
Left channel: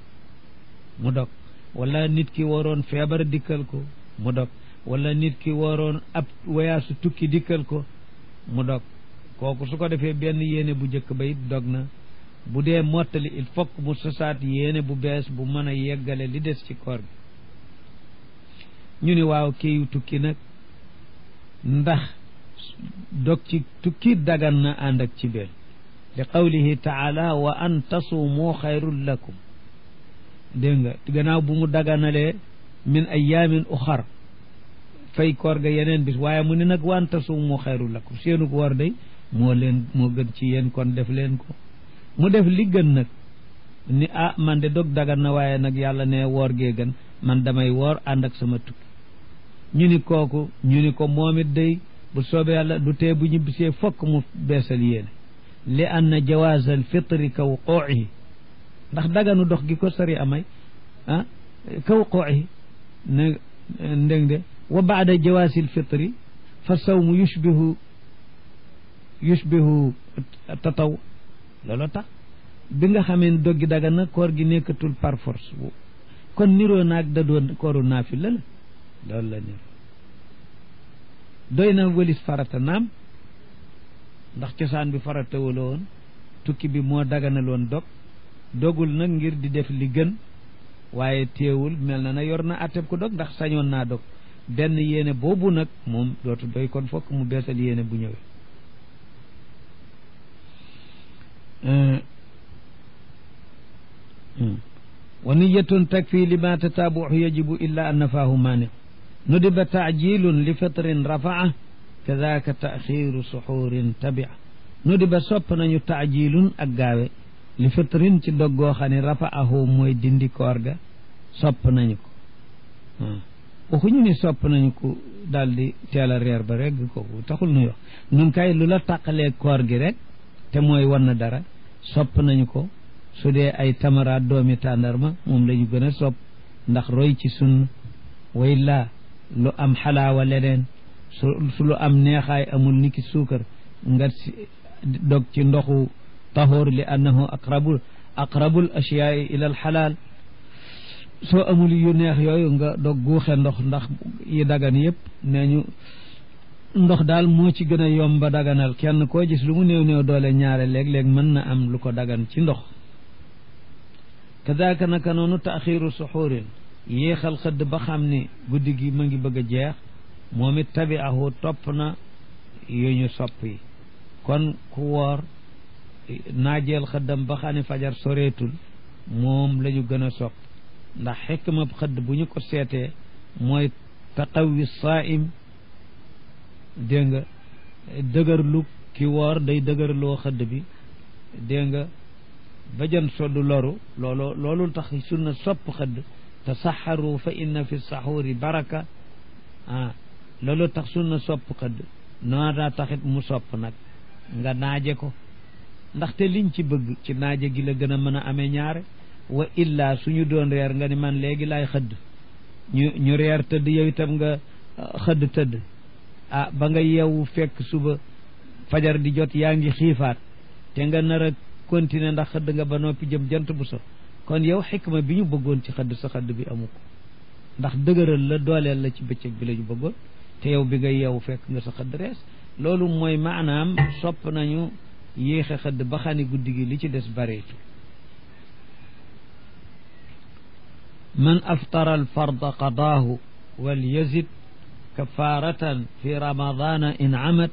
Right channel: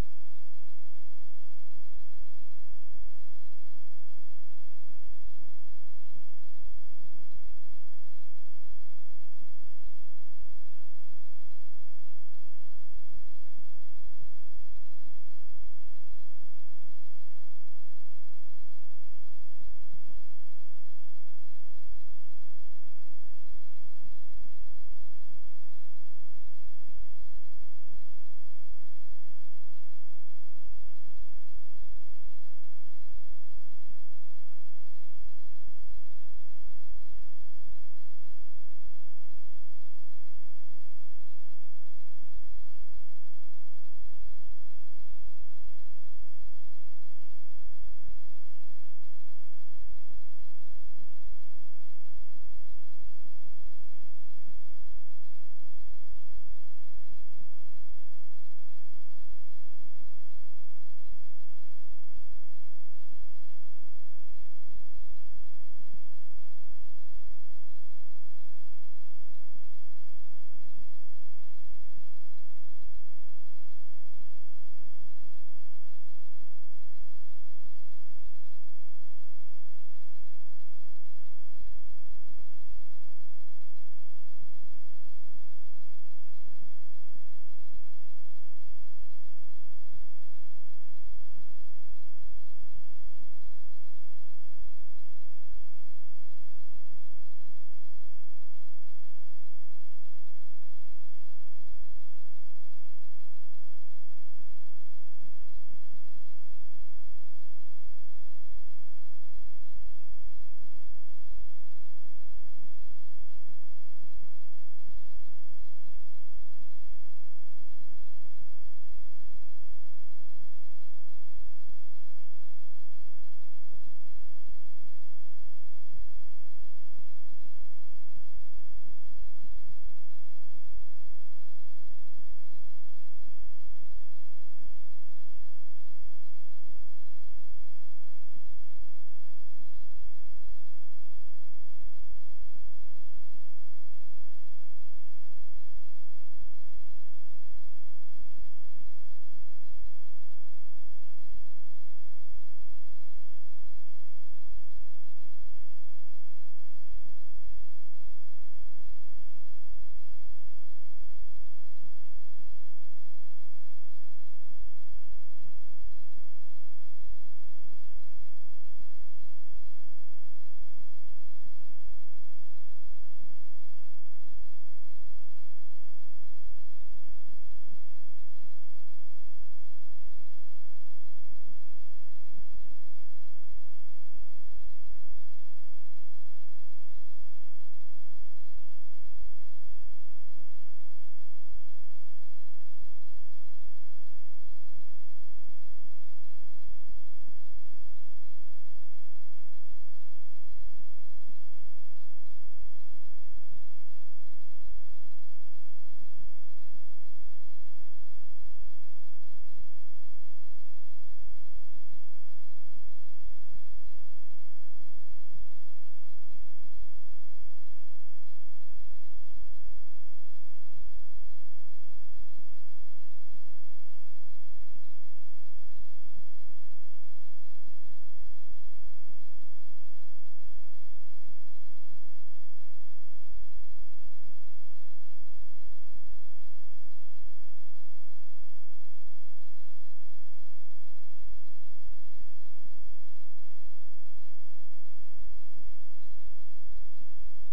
mu dog wala nit ki waroon feebar dikkal ko mu dog wala nit ki waroon ab wayaasu tukki dikkal ko mu dog kooku su ko defee benn yéene bu njëkk ba it dog na bu dee mottali il faut que mu sosaat yéene bu bees bu mën a yeggale li des ci koor gi ñu ni waaw kii tukki nag ndax dog ci tukki dagan na ànd ak ci benn li qawlihi taala wa an tasuumu xayrun lakum dégg nga gannaaw bu mu daganalee min ayaamin uxar fay koor ga yeneen bis waaye mu ne nag wa an tasuumu xayrun lakum seenu ko war day moo gën ci yéen kon def leen ko mu def li gën nag ni man de dog dagan na waaye nag yàlla ne woor gee gën man damay woor ànd ak sama tukki ñu ni ko moom it day bu soobee yàlla du tee bu ñibbisee fokk mu beesal yéene li anna jawaaz al fitri ka wuquuhi ndax daganu dox gi ko sari amay ka wuquuhi ne ndég de wa baada jawaaz al fitri fa sawmu yushbihu tataw loolu tax bi nga xamee ne doggi dagan na koor gi nekkatul par force kon niroo naag da doon kooru naafila la loolu la niroo doy na wëlis farata naam ndax cosaan bi farata wala woon tukki bi moo daganaloon dogul nag ngir di def li gën waaye teewul mel na yor na atteb ko dog ndax sañoon naa dog benn yéene boobu nag moom dootu doy kon fokk mu beesal yéene bu ñëwee wa niyatun takfi lima tataabuhu yajibu illa an nafaahu maani nudiba taajilun li fitrin rafaa kadaka taxiru suxurin tabia nudiba sopp nañu taajilun ak gaawe li fitrin ci doggoo xam ne rafaahu mooy dindi koor ga sopp nañu ko waxuñu ni sopp nañu ko daal di teel a reer ba rek kooku taxul nuy wax nun kay lu la tàqalee koor gi rek te mooy wan na dara sopp nañu ko su dee ay tamaraat doomi tàndarma moom la ñu gën a sopp ndax roy ci sunn way laa lu am xalaawa leneen su lu am neexaay amul niki suukar nga dog ci ndoxu tahoor li annahu aqrabul ashiyaai ila al xalaal soo amul yu neex yooyu nga dog guuxe ndox ndax yi dagan yëpp nee ñu ndox daal moo ci gën a yomba daganal kenn koo gis lu mu néew néew doole ñaare léeg-léeg mën na am lu ko dagan ci ndox kadaka naka noonu taxiru suxurin yéexal xëdd ba xam ni guddi gi ma ngi bëgg a jeex moom it tabiahu topp na yu ñu sopp yi kon ku woor naajeel xëddam ba xam ne fajar soreetul moom la ñu gën a sopp ndax xikma xëdd bu ñu ko seetee mooy taqawi saaim dégg nga dëgërlu ki woor day dëgërloo xëdd bi dégg nga ba jën soddu loru loolu tax sunna sopp xëdd tasaxaru fa inna fi saxuuri baraka loolu tax sunna sopp xëdd noona taxit mu sopp nag nga naaje ko ndaxte liñ ci bëgg ci naaje gi la gën a mën a amee ñaare wa illa suñu doon reer nga ni man léegi laay xëdd ñu reer tëdd yow itam nga xëdd tëdd ba nga yeewu fekk suba fajar di jot yaa ngi xiifaat te nga nar a continuer ndax xëdd nga ba noppi jëm jant bu so kon yow xikma bi ñu bëggoon ci xëdd sa xëdd bi amu ko ndax dëgëral la dooleel la ci bëccëg bi la ñu bëggoon te yow bi nga yeewu fekk nga sa xëdd rees loolu mooy maanaam sopp nañu yéexe xëdd ba xani guddi gi li ci des bareetu man aftara alfarda qadaahu wal yazid kafaratan fi ramadana in amad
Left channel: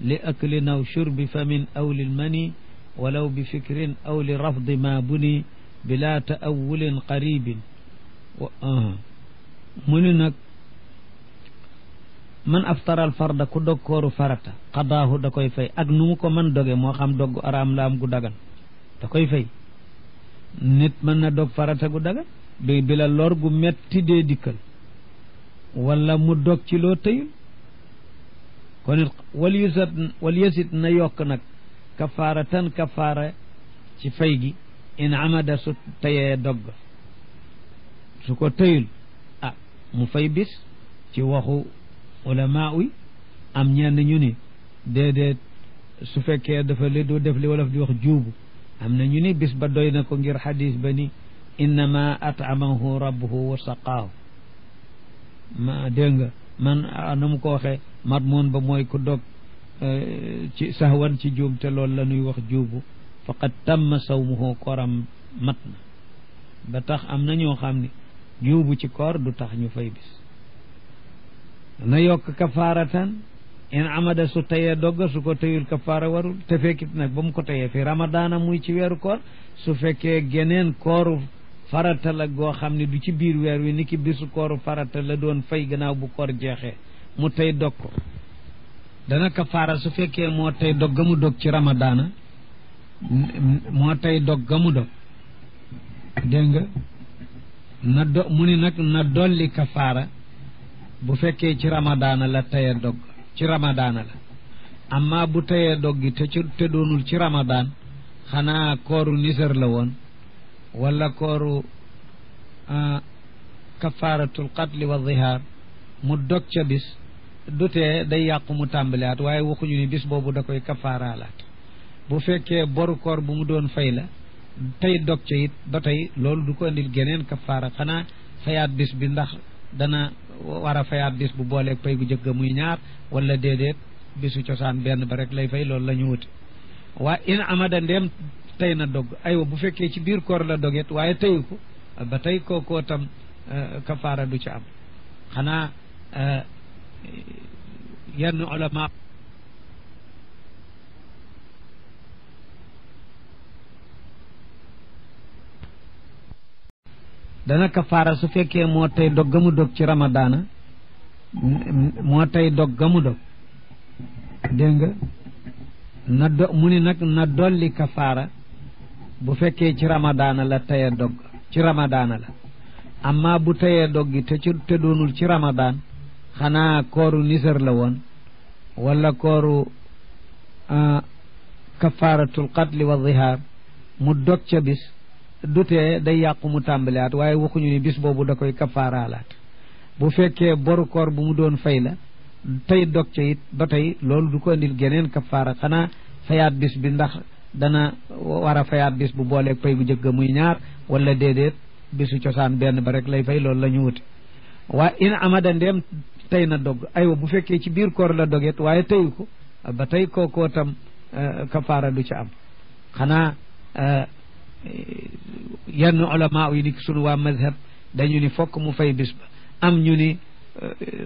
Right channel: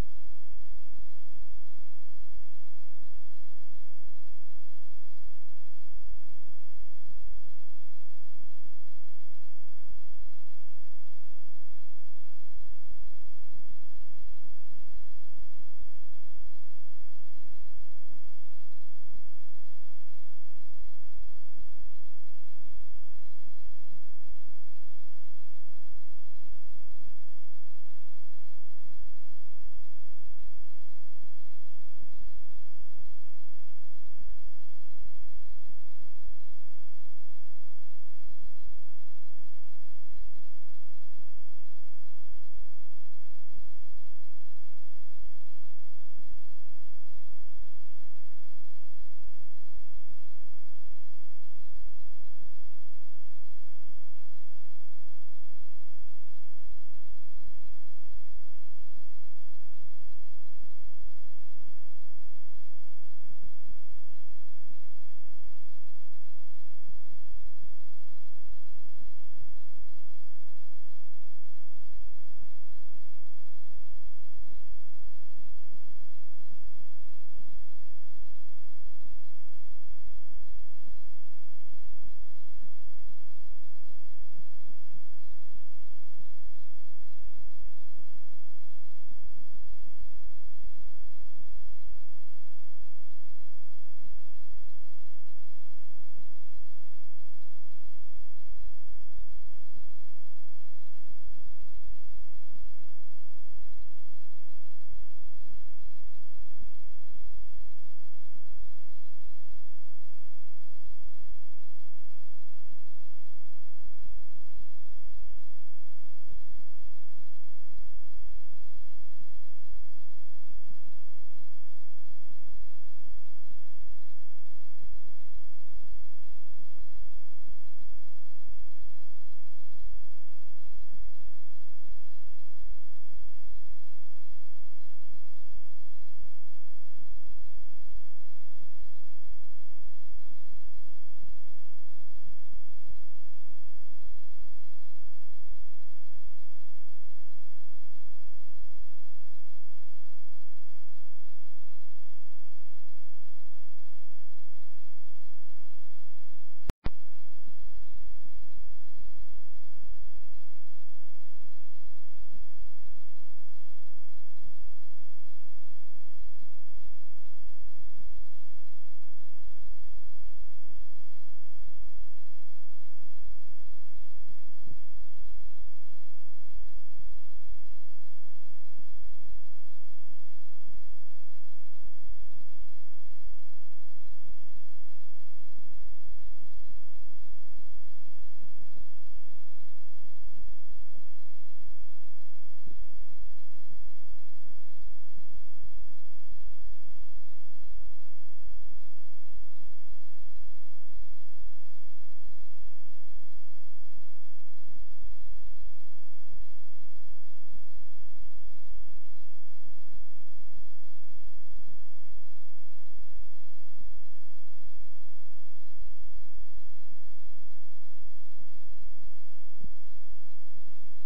li aklin aw shurbi famin aw lilmani walaw bi fikrin aw li rafdi ma buni bila taawulin qaribin mu ni nag man aftara alfarda ku dog kooru farata qadaahu da koy fay ak nu mu ko mën doge moo xam dogg araam la am gu dagan da koy fay nit mën na dog farata gu dagan bi la lor gu metti dee dikkal wala mu dog ci loo tëyul kon it wal yasit na yokk nag kafaaratan kafaara ci fay gi in amada su tayee dogg su ko tëyul mu fay bis ci waxu ulama yi am ñenn ñu ni déedéet su fekkee dafa li du def li wolof di wax juubu am na ñu ni bis ba doy na ko ngir xadis ba ni innama at'amahu rabbuhu wa saqaahu ma dégg nga man na mu ko waxee madmoon ba mooy ku dog ci sahwan ci juum te loolu la ñuy wax juubu faqad tamma sawmuhu kooram mat na ba tax am na ñoo xam ne juubu ci koor du tax ñu fay bis na yokk kafaaratan in amada su tayee dogga su ko tayul kafaara warul te fekkit nag ba mu ko tayee fi ramadaana muy ci weeru koor su fekkee geneen kooru farata la goo xam ne du ci biir weer wi ni ki bisu kooru farata la doon fay gannaaw bu koor jeexee mu tey dog ko dana kafaara su fekkee moo tey dog ga mu dog ci ramadaana moo tey dog ga mu dog dégg nga na do mu ni nag na dolli kafaara bu fekkee ci ramadaana la teye dog ci ramadaana la amma bu teyee dog gi te doonul ci ramadaan xanaa kooru nisar la woon wala kooru kafaaratul qatli wa zihaar mu dog ca bis du tee day yàqu mu tàmbaliwaat waaye waxuñu ni bis boobu da koy kafaaraalaat bu fekkee boru koor bu mu doon fay la tey dog ca it ba tey loolu du ko indil geneen kafaara xanaa fayaat bis bi ndax dana war a fayaat bis bu booleeg pay gu jëkk muy ñaar wala déedéet bisu cosaan benn ba rek lay fay loolu la ñu wuti waa in amada ndeem tey na dog aywa bu fekkee ci biir koor la doget waaye teyu ko ba tey kookoo tam kafaara du ci am xanaa yenn ulama dana kafaara su fekkee moo tey dog ga mu dog ci ramadaana moo tey dog ga mu dog dégg nga na mu ni nag na dolli kafaara bu fekkee ci ramadaana la teye dog ci ramadaana la amma bu teyee dog gi te doonul ci ramadaan xanaa kooru nisar la woon wala kooru kafaaratul qatli wa zihaar mu dog ca bis du tee day yàqu mu tàmbaliwaat waaye waxuñu ni bis boobu da koy kafaaraalaat bu fekkee boru koor bu mu doon fay la tey dog ca it ba tey loolu du ko andil geneen kafaara xanaa fayaat bis bi ndax dana war a fayaat bis bu booleeg pay bu jëkk muy ñaar wala déedéet bisu cosaan benn ba rek lay fay loolu la ñu wuti waaye in amada ndeem tey na dog aywa bu fekkee ci biir koor la doget waaye teyu ko ba tey kookoo tam kafaara du ci am xanaa yenn ulama yi ni sunu waa mazhab dañu ni fokk mu fay bis ba am ñu ni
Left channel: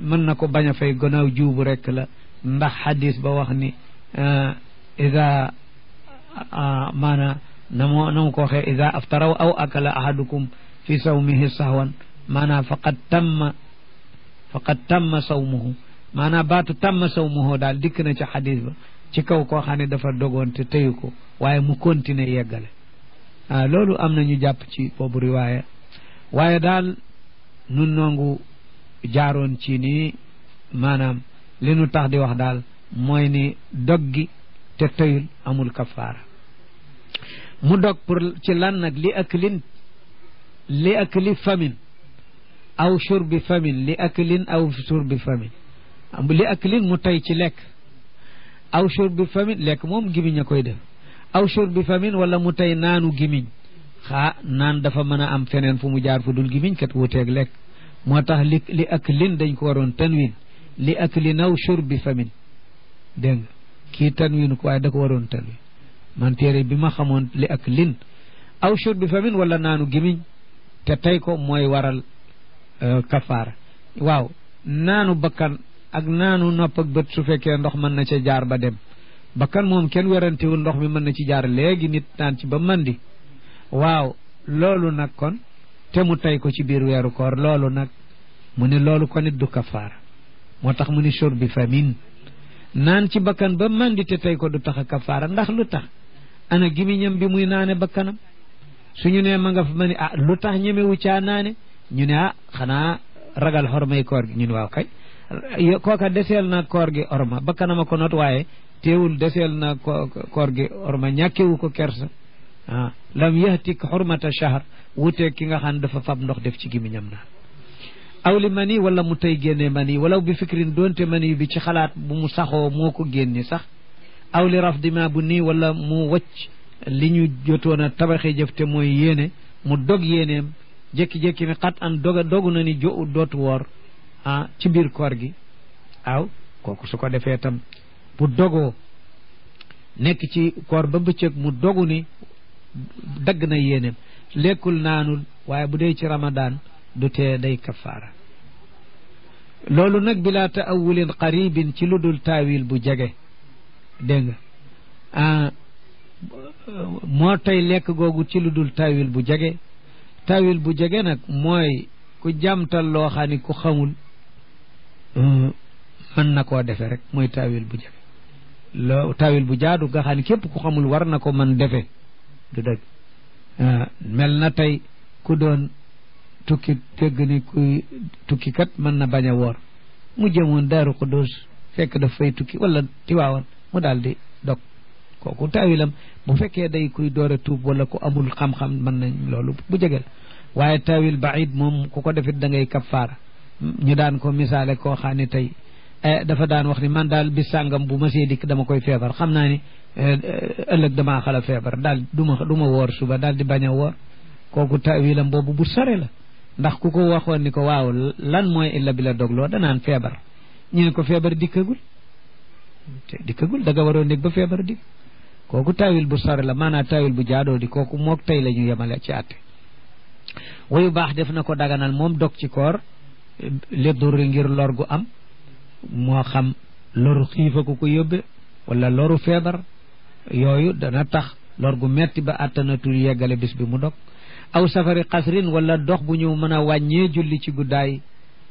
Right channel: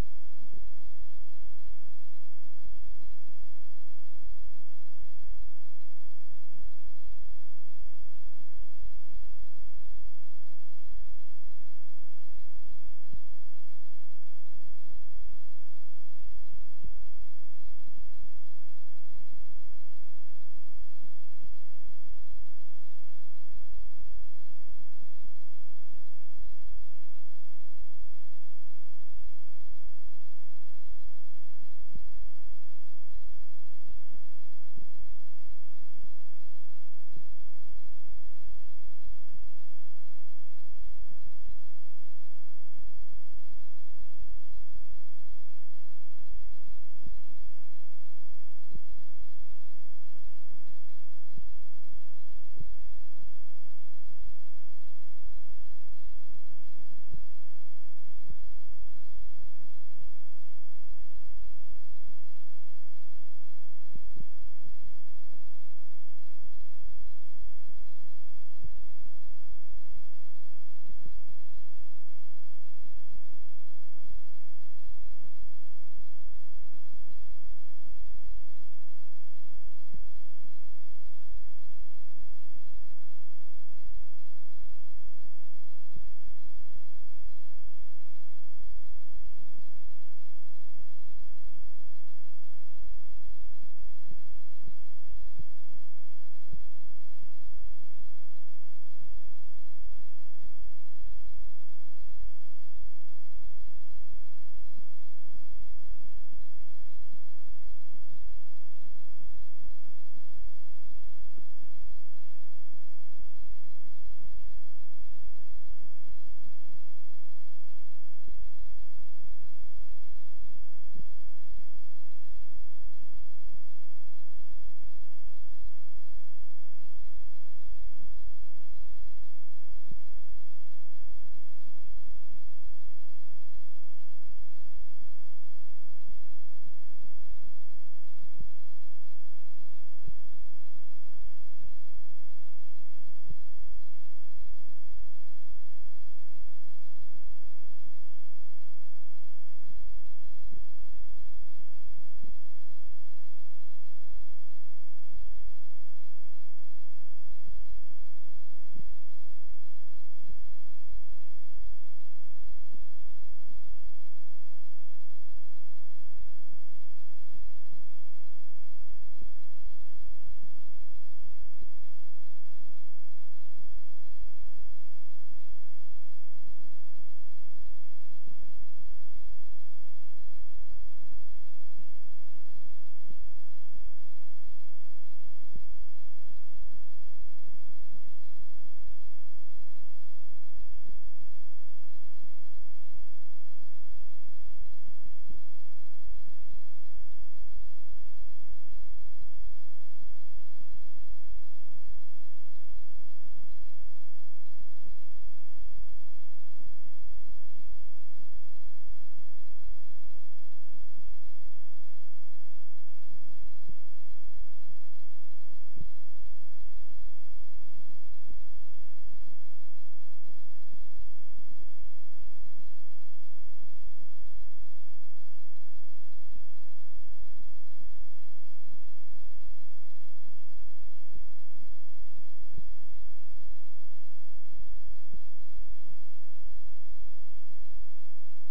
mën na ko bañ a fay gannaaw juubu rek la ndax xadis ba wax ni ida maana na mu ko waxee ida aftaraw aw akala ahadukum fi sawmihi sahwan maanaam faqad tamma sawmuhu maanaam baatu tamma sawmuhu daal dikk na ci xadis ba ci kaw koo xam ne dafa dogoon te teyu ko waaye mu continuer yeggale loolu am na ñu jàpp ci boobu riwaaya waaye daal nun noongu jaaroon ci nii maanaam li nu tax di wax daal mooy ni dog gi te teyul amul kafaara mu dog pour ci lan nag li akli famin aw shurbi famin li aklin aw shurbi famin li aklin mu tey ci lekk aw shurbi famin lekk moom gimiñ a koy def aw shurbi famin wala mu tey naanu gimiñ naan dafa mën a am feneen fu mu jaar fu dul gimiñ kat wuteeg lekk moo tax li aklin dañ ko waroon tanwin li aklin aw shurbi famin dégg nga kii tanwin ko waaye da ko waroon tanwin man téere bi ma xamoon li aklin aw shurbi famin wala naanu gimiñ te tey ko mooy waral kafaara waaw naanu bakkan ak naanu nopp ak bët su fekkee ndox mën na ca jaar ba dem bakkan moom kenn werantewul ndox mi mën na ci jaar léegi nit naan ci ba mandi waaw loolu nag kon te mu tey ko ci biir weeru koor loolu nag mu ne loolu kon it du kafaara moo tax mu ni shurbi famin naan ci bakkan ba mandi te tey ko du tax a kafaara ndax lu tax ana gimiñam bi muy naane bakkanam suñu ne ma nga fa ma ni lu tax ñemewu caa naane ñu ne xanaa ragal xormay koor gi ñun waaw kay kooka deseel na koor gi orma bakkanama ko not waaye teewul deseel na koor gi orma ñàkkewu ko kersa lam yahtik xurmata shahr wuteeg ki nga xam dafa fab ndox def ci gimiñam naan aw li mani wala mu tey génne mani wala bi fikrin doonte mani bi ci xalaat bu mu saxoo moo ko génne sax aw li raf dima bu nii wala mu wacc li ñu jotoon a tabaxee jëf te mooy yéene mu dog yéeneem jékki-jékki ni xat an dogu na ni dootu woor ci biir koor gi waaw kooku su ko defee tam bu dogoo nekk ci koor ba bëccëg mu dogu ni dagg na yéeneem lekkul naanul waaye bu dee ci ramadaan du tee day kafaara loolu nag bila taawulin qaribin ci lu dul taawil bu jege dégg nga moo tey lekk googu ci lu dul taawil bu jege taawil bu jege nag mooy ku jàmtal loo xam ni ku xamul mën na koo defe rek mooy taawil bu jege loo taawil bu jaadu nga xam ni képp ku xamul war na ko mën defe du dëgg mel na tey ku doon tukki dégg ni kuy tukki kat mën na bañ a woor mu jëmoon Daaru Xudoos fekk daf fay tukki wala Tiwaawan mu daal di dog kooku taawilam bu fekkee day kuy door a tuub wala ku amul xam-xam mën nañ loolu bu jege la waaye taawil baid moom ku ko defit da ngay kafaara ñu daan ko misaale koo xam ne tey dafa daan wax ni man daal bis sàngam bu ma see dikk dama koy feebar xam naa ni ëllëg damaa xala feebar daal du ma woor suba daal di bañ a woor kooku taawilam boobu bu sore la ndax ku ko waxoon ni ko waaw lan mooy illa bi la dogloo danaan feebar ñu ne ko feebar dikkagul te dikkagul da nga waroon nekk ba feebar dikk kooku taawil bu sore la maanaam taawil bu jaadoo di kooku mook tey la ñu yemale ci àtte wayu baax def na ko daganal moom dog ci koor li durri ngir lor gu am moo xam loru xiifa ku ko yóbbe wala loru feebar yooyu dana tax lor gu metti ba attanatul yeggale bis bi mu dog aw safari xasrin wala dox bu ñu mën a wàññee julli ci guddaay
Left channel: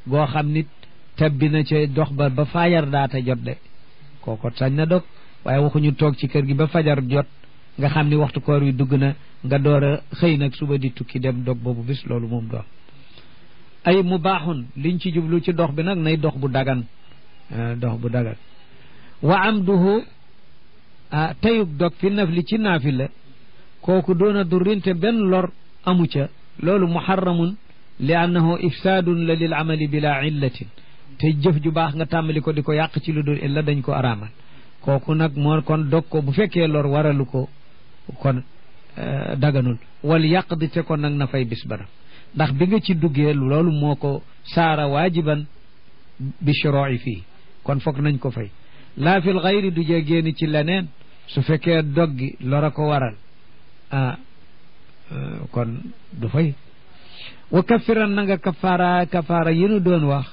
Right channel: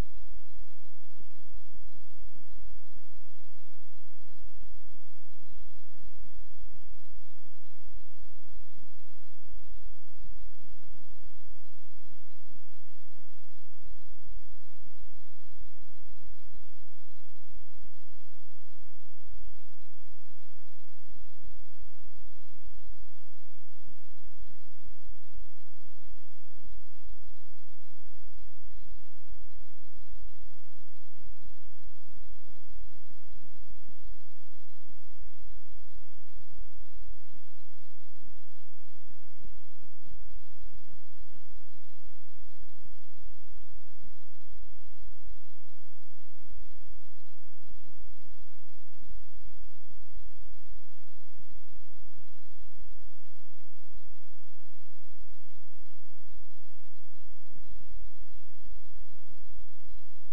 goo xam nit tabbi na ca dox ba fajar daata jot de kooko sañ na dog waaye waxuñu toog ci kër gi ba fajar jot nga xam ni waxtu koor wi dugg na nga door a xëy nag suba di tukki dem dog boobu bis loolu moom doon ay mubaaxun liñ ci jublu ci dox bi nag nay dox bu dagan wa amduhu tayug dog fi nafli ci naafila kooku doona durrinte benn lor amu ca loolu muharramun li annahu ifsaadun la lil amali bila illatin te jëf ju baax nga tàmbali ko di ko yàq ci lu dul illa dañ ko araamal kooku nag moo kon dog ko bu fekkee lor waralu ko kon daganul wal yàq di te kon nag na fay bis bara ndax bi nga ci duggee loolu moo ko saara waajiban bi shuroi fii kon foog nañ ko fay laa fil xayri du jee génni ci leneen su fekkee dog gi lora ko waral kon du fay wa kafiran na nga kafaara yi nu doon wax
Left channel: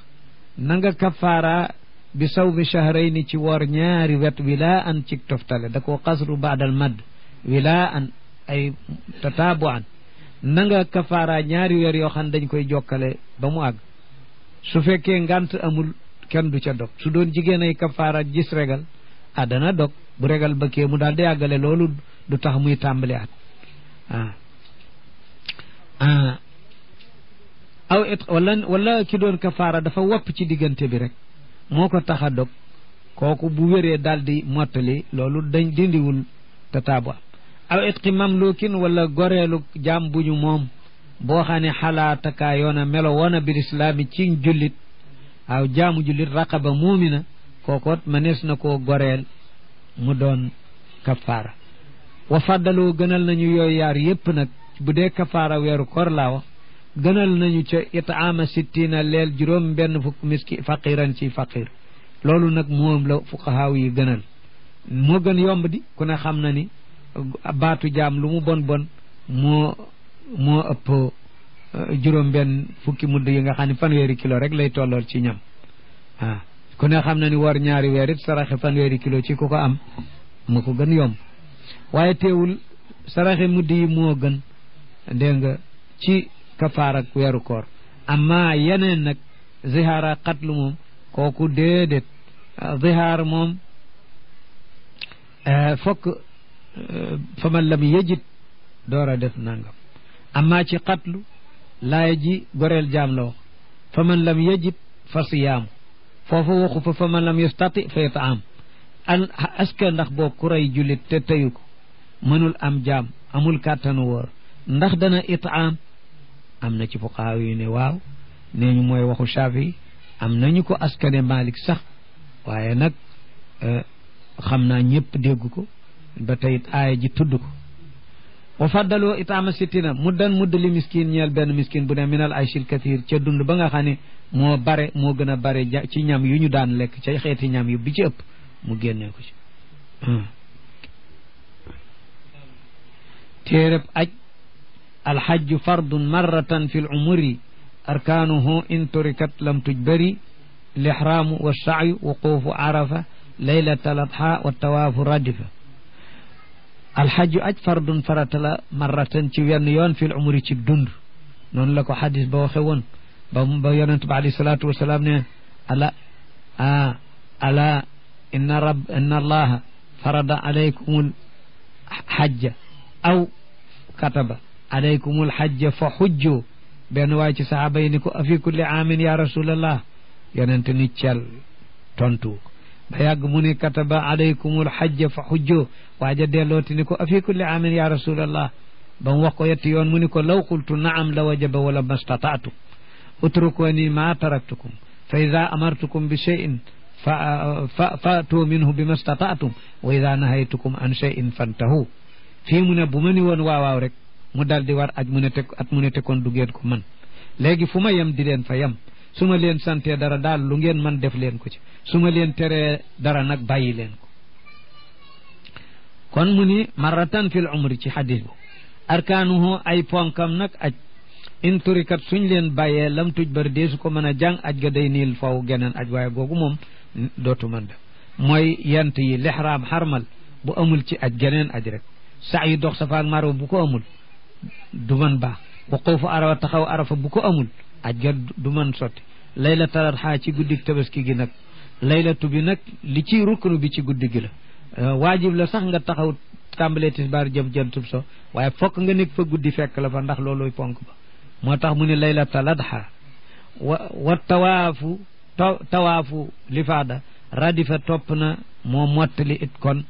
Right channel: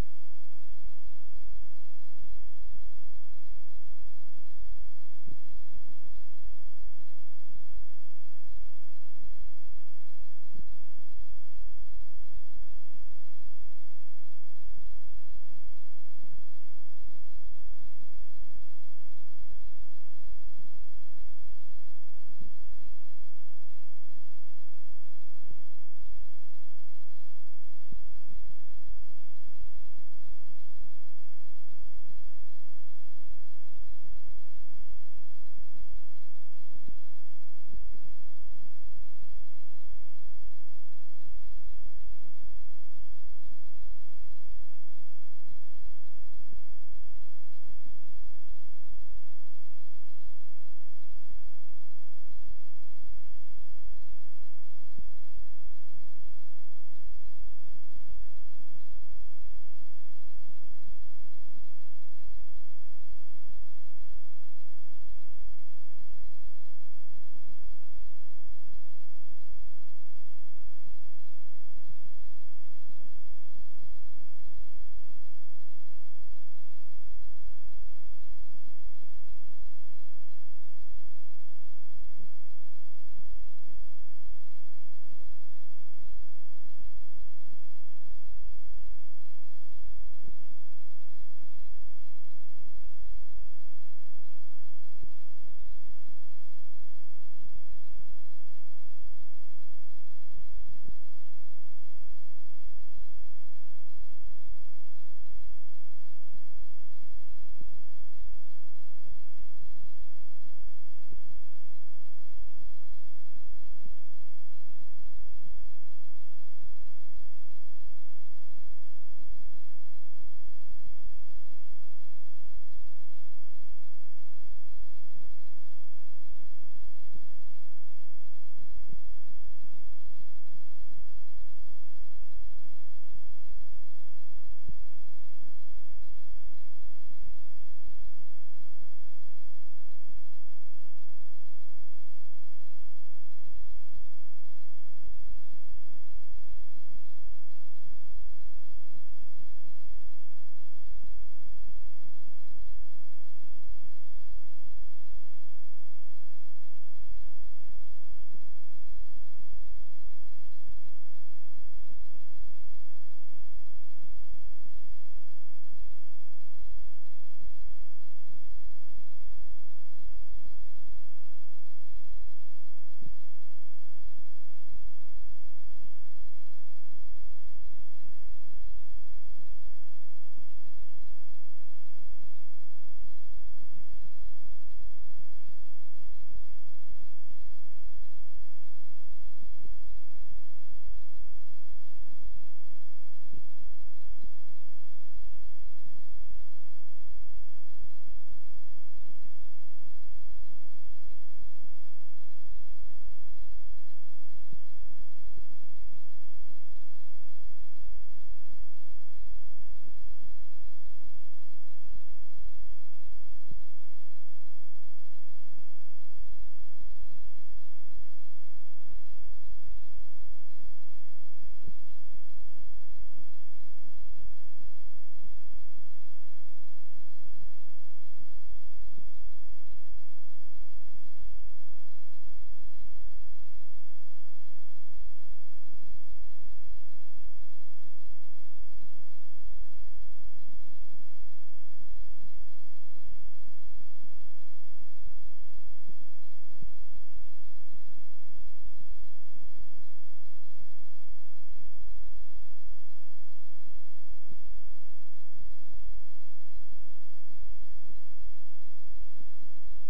na nga kafaara bi sawmi shahrayni ci woor ñaari wet wilaa an ci toftale da koo xasru baadal madd wilaa an ay tataabu an na nga kafaara ñaari weer yoo xam dañ koy jokkale ba mu àgg su fekkee ngant amul kenn du ca dog su doon jigéen ay kafaara gis regal dana dog bu regal ba kee mu daal di àggale loolu du tax muy tàmbali at aw it wala ki doon kafaara dafa wopp ci diggante bi rek moo ko tax a dog kooku bu wéree daal di mottali loolu dañ dindiwul tataabu aw it ki mamlukin wala goreelu jaam bu ñu moom boo xam ne xalaatakaa yoona melo woona bil islaami ci jullit waaw jaamu jullit raqaba muumina kookoot mënees na koo goreel mu doon kafaara wa faddaloo gënal nañu yooyu yaar yépp nag bu dee kafaara weeru koor laa wax gënal nañu ca itaama sittina leel juróom benn fukk faqiran ci faqir loolu nag moom la fuqahaaw yi gënal moo gën yomb di ku ne xam na ni baatu jaam lu mu bon moo ëpp juróom benn fukki mudd yi nga xam ne fanweeri kilo rek lay tollool ci ñam ku ne xam na ni war ñaari weer it saraxe fanweeri kilo ci ku ko am mu ko gën yomb waaye teewul saraxe mudd yi moo gën dégg nga ci kafaar ak weeru koor amma yeneen nag zihaara xatlu moom kooku déedéet zihaar moom fokk fa man lam yejit door a def nangam amma ci xatlu laaya ji goreel jaam la wax fa man lam yejit fa siyaamu foofu waxu fa man lam yastati fa yataam aska ndax boo ku rey jullit te teyu ko mënul am jaam amul kàttanu wóor ndax dana itaam am na ci fuqahaa yi ne waaw nee ñu mooy waxu Shaafi am nañu ko askane Malik sax waaye nag xam naa ñëpp dégg ko ba tey aaya ji tudd ko wa faddaloo itaama sittina muddan mudd li miskin ñeel benn miskin bu ne minal ayshil kathir ca dund ba nga xam ne moo gën a bare ci ñam yu ñu daan lekk ca xeeti ñam yu bi ci ëpp mu génnee ko ci téereb aj alxajju fardun marratan fi l umuri arkaanuhu in turikat lam tujbari lixraamu wa saayu wuquufu arafa laylata aladha wa tawaafu radifa alxajju aj fardun farata la marratan ci wenn yoon fi l umuri ci dund noonu la ko xadis ba waxe woon ba yonent ba alayhi salaatu wasalaam ne ala inna allaha farada alaykumul xajja aw kataba alaykumul xajja fa xujju benn waay ci saxaaba yi ni ko afi kulli aamin ya rasulallah yonent ni cel tontu ba yàgg mu ni kataba alaykumul xajja fa xujju waaja dellooti ni ko afi kulli aamin ya rasulallah ba mu wax ko yetti yoon mu ni ko law qultu naam la wajaba wala mastataatu utrukuni ma taraktukum fa ida amartukum bi cheyin fatu minhu bi mastataatum wa ida nahaytukum an cheyin fantahu fii mu ne bu ma ni woon waawaaw rek mu dal di war aj mu ne te kon du ngeen ko man léegi fu ma yem di leen fa yem su ma leen santee dara daal lu ngeen man def leen ko ci su ma leen teree dara nag bàyyi leen ko kon mu ni marratan fil umri ci xadis bu arkaanuhu ay ponkam nag aj in turikat suñ leen bàyyee lam tuj bari dee su ko mën a jàng aj ga day niil faw geneen aj waaye googu moom dootu mën def mooy yent yi lixraam xarmal bu amul ci aj geneen aj rek sax yi dox safa ak marwa bu ko amul du mën baax wuquufu arafa taxaw arafa bu ko amul aj ga du mën sotti laylatul adha ci guddig tabaski gi nag laylatu bi nag li ci ruknu bi ci guddi gi la waajib la sax nga taxaw tàmbalee tisbaar jëm jantub so waaye fokk nga nekk fa guddi fekk la fa ndax looluy ponk ba moo tax mu ne laylatul adha wa tawaafu lifaada radifa topp na moo mottali it kon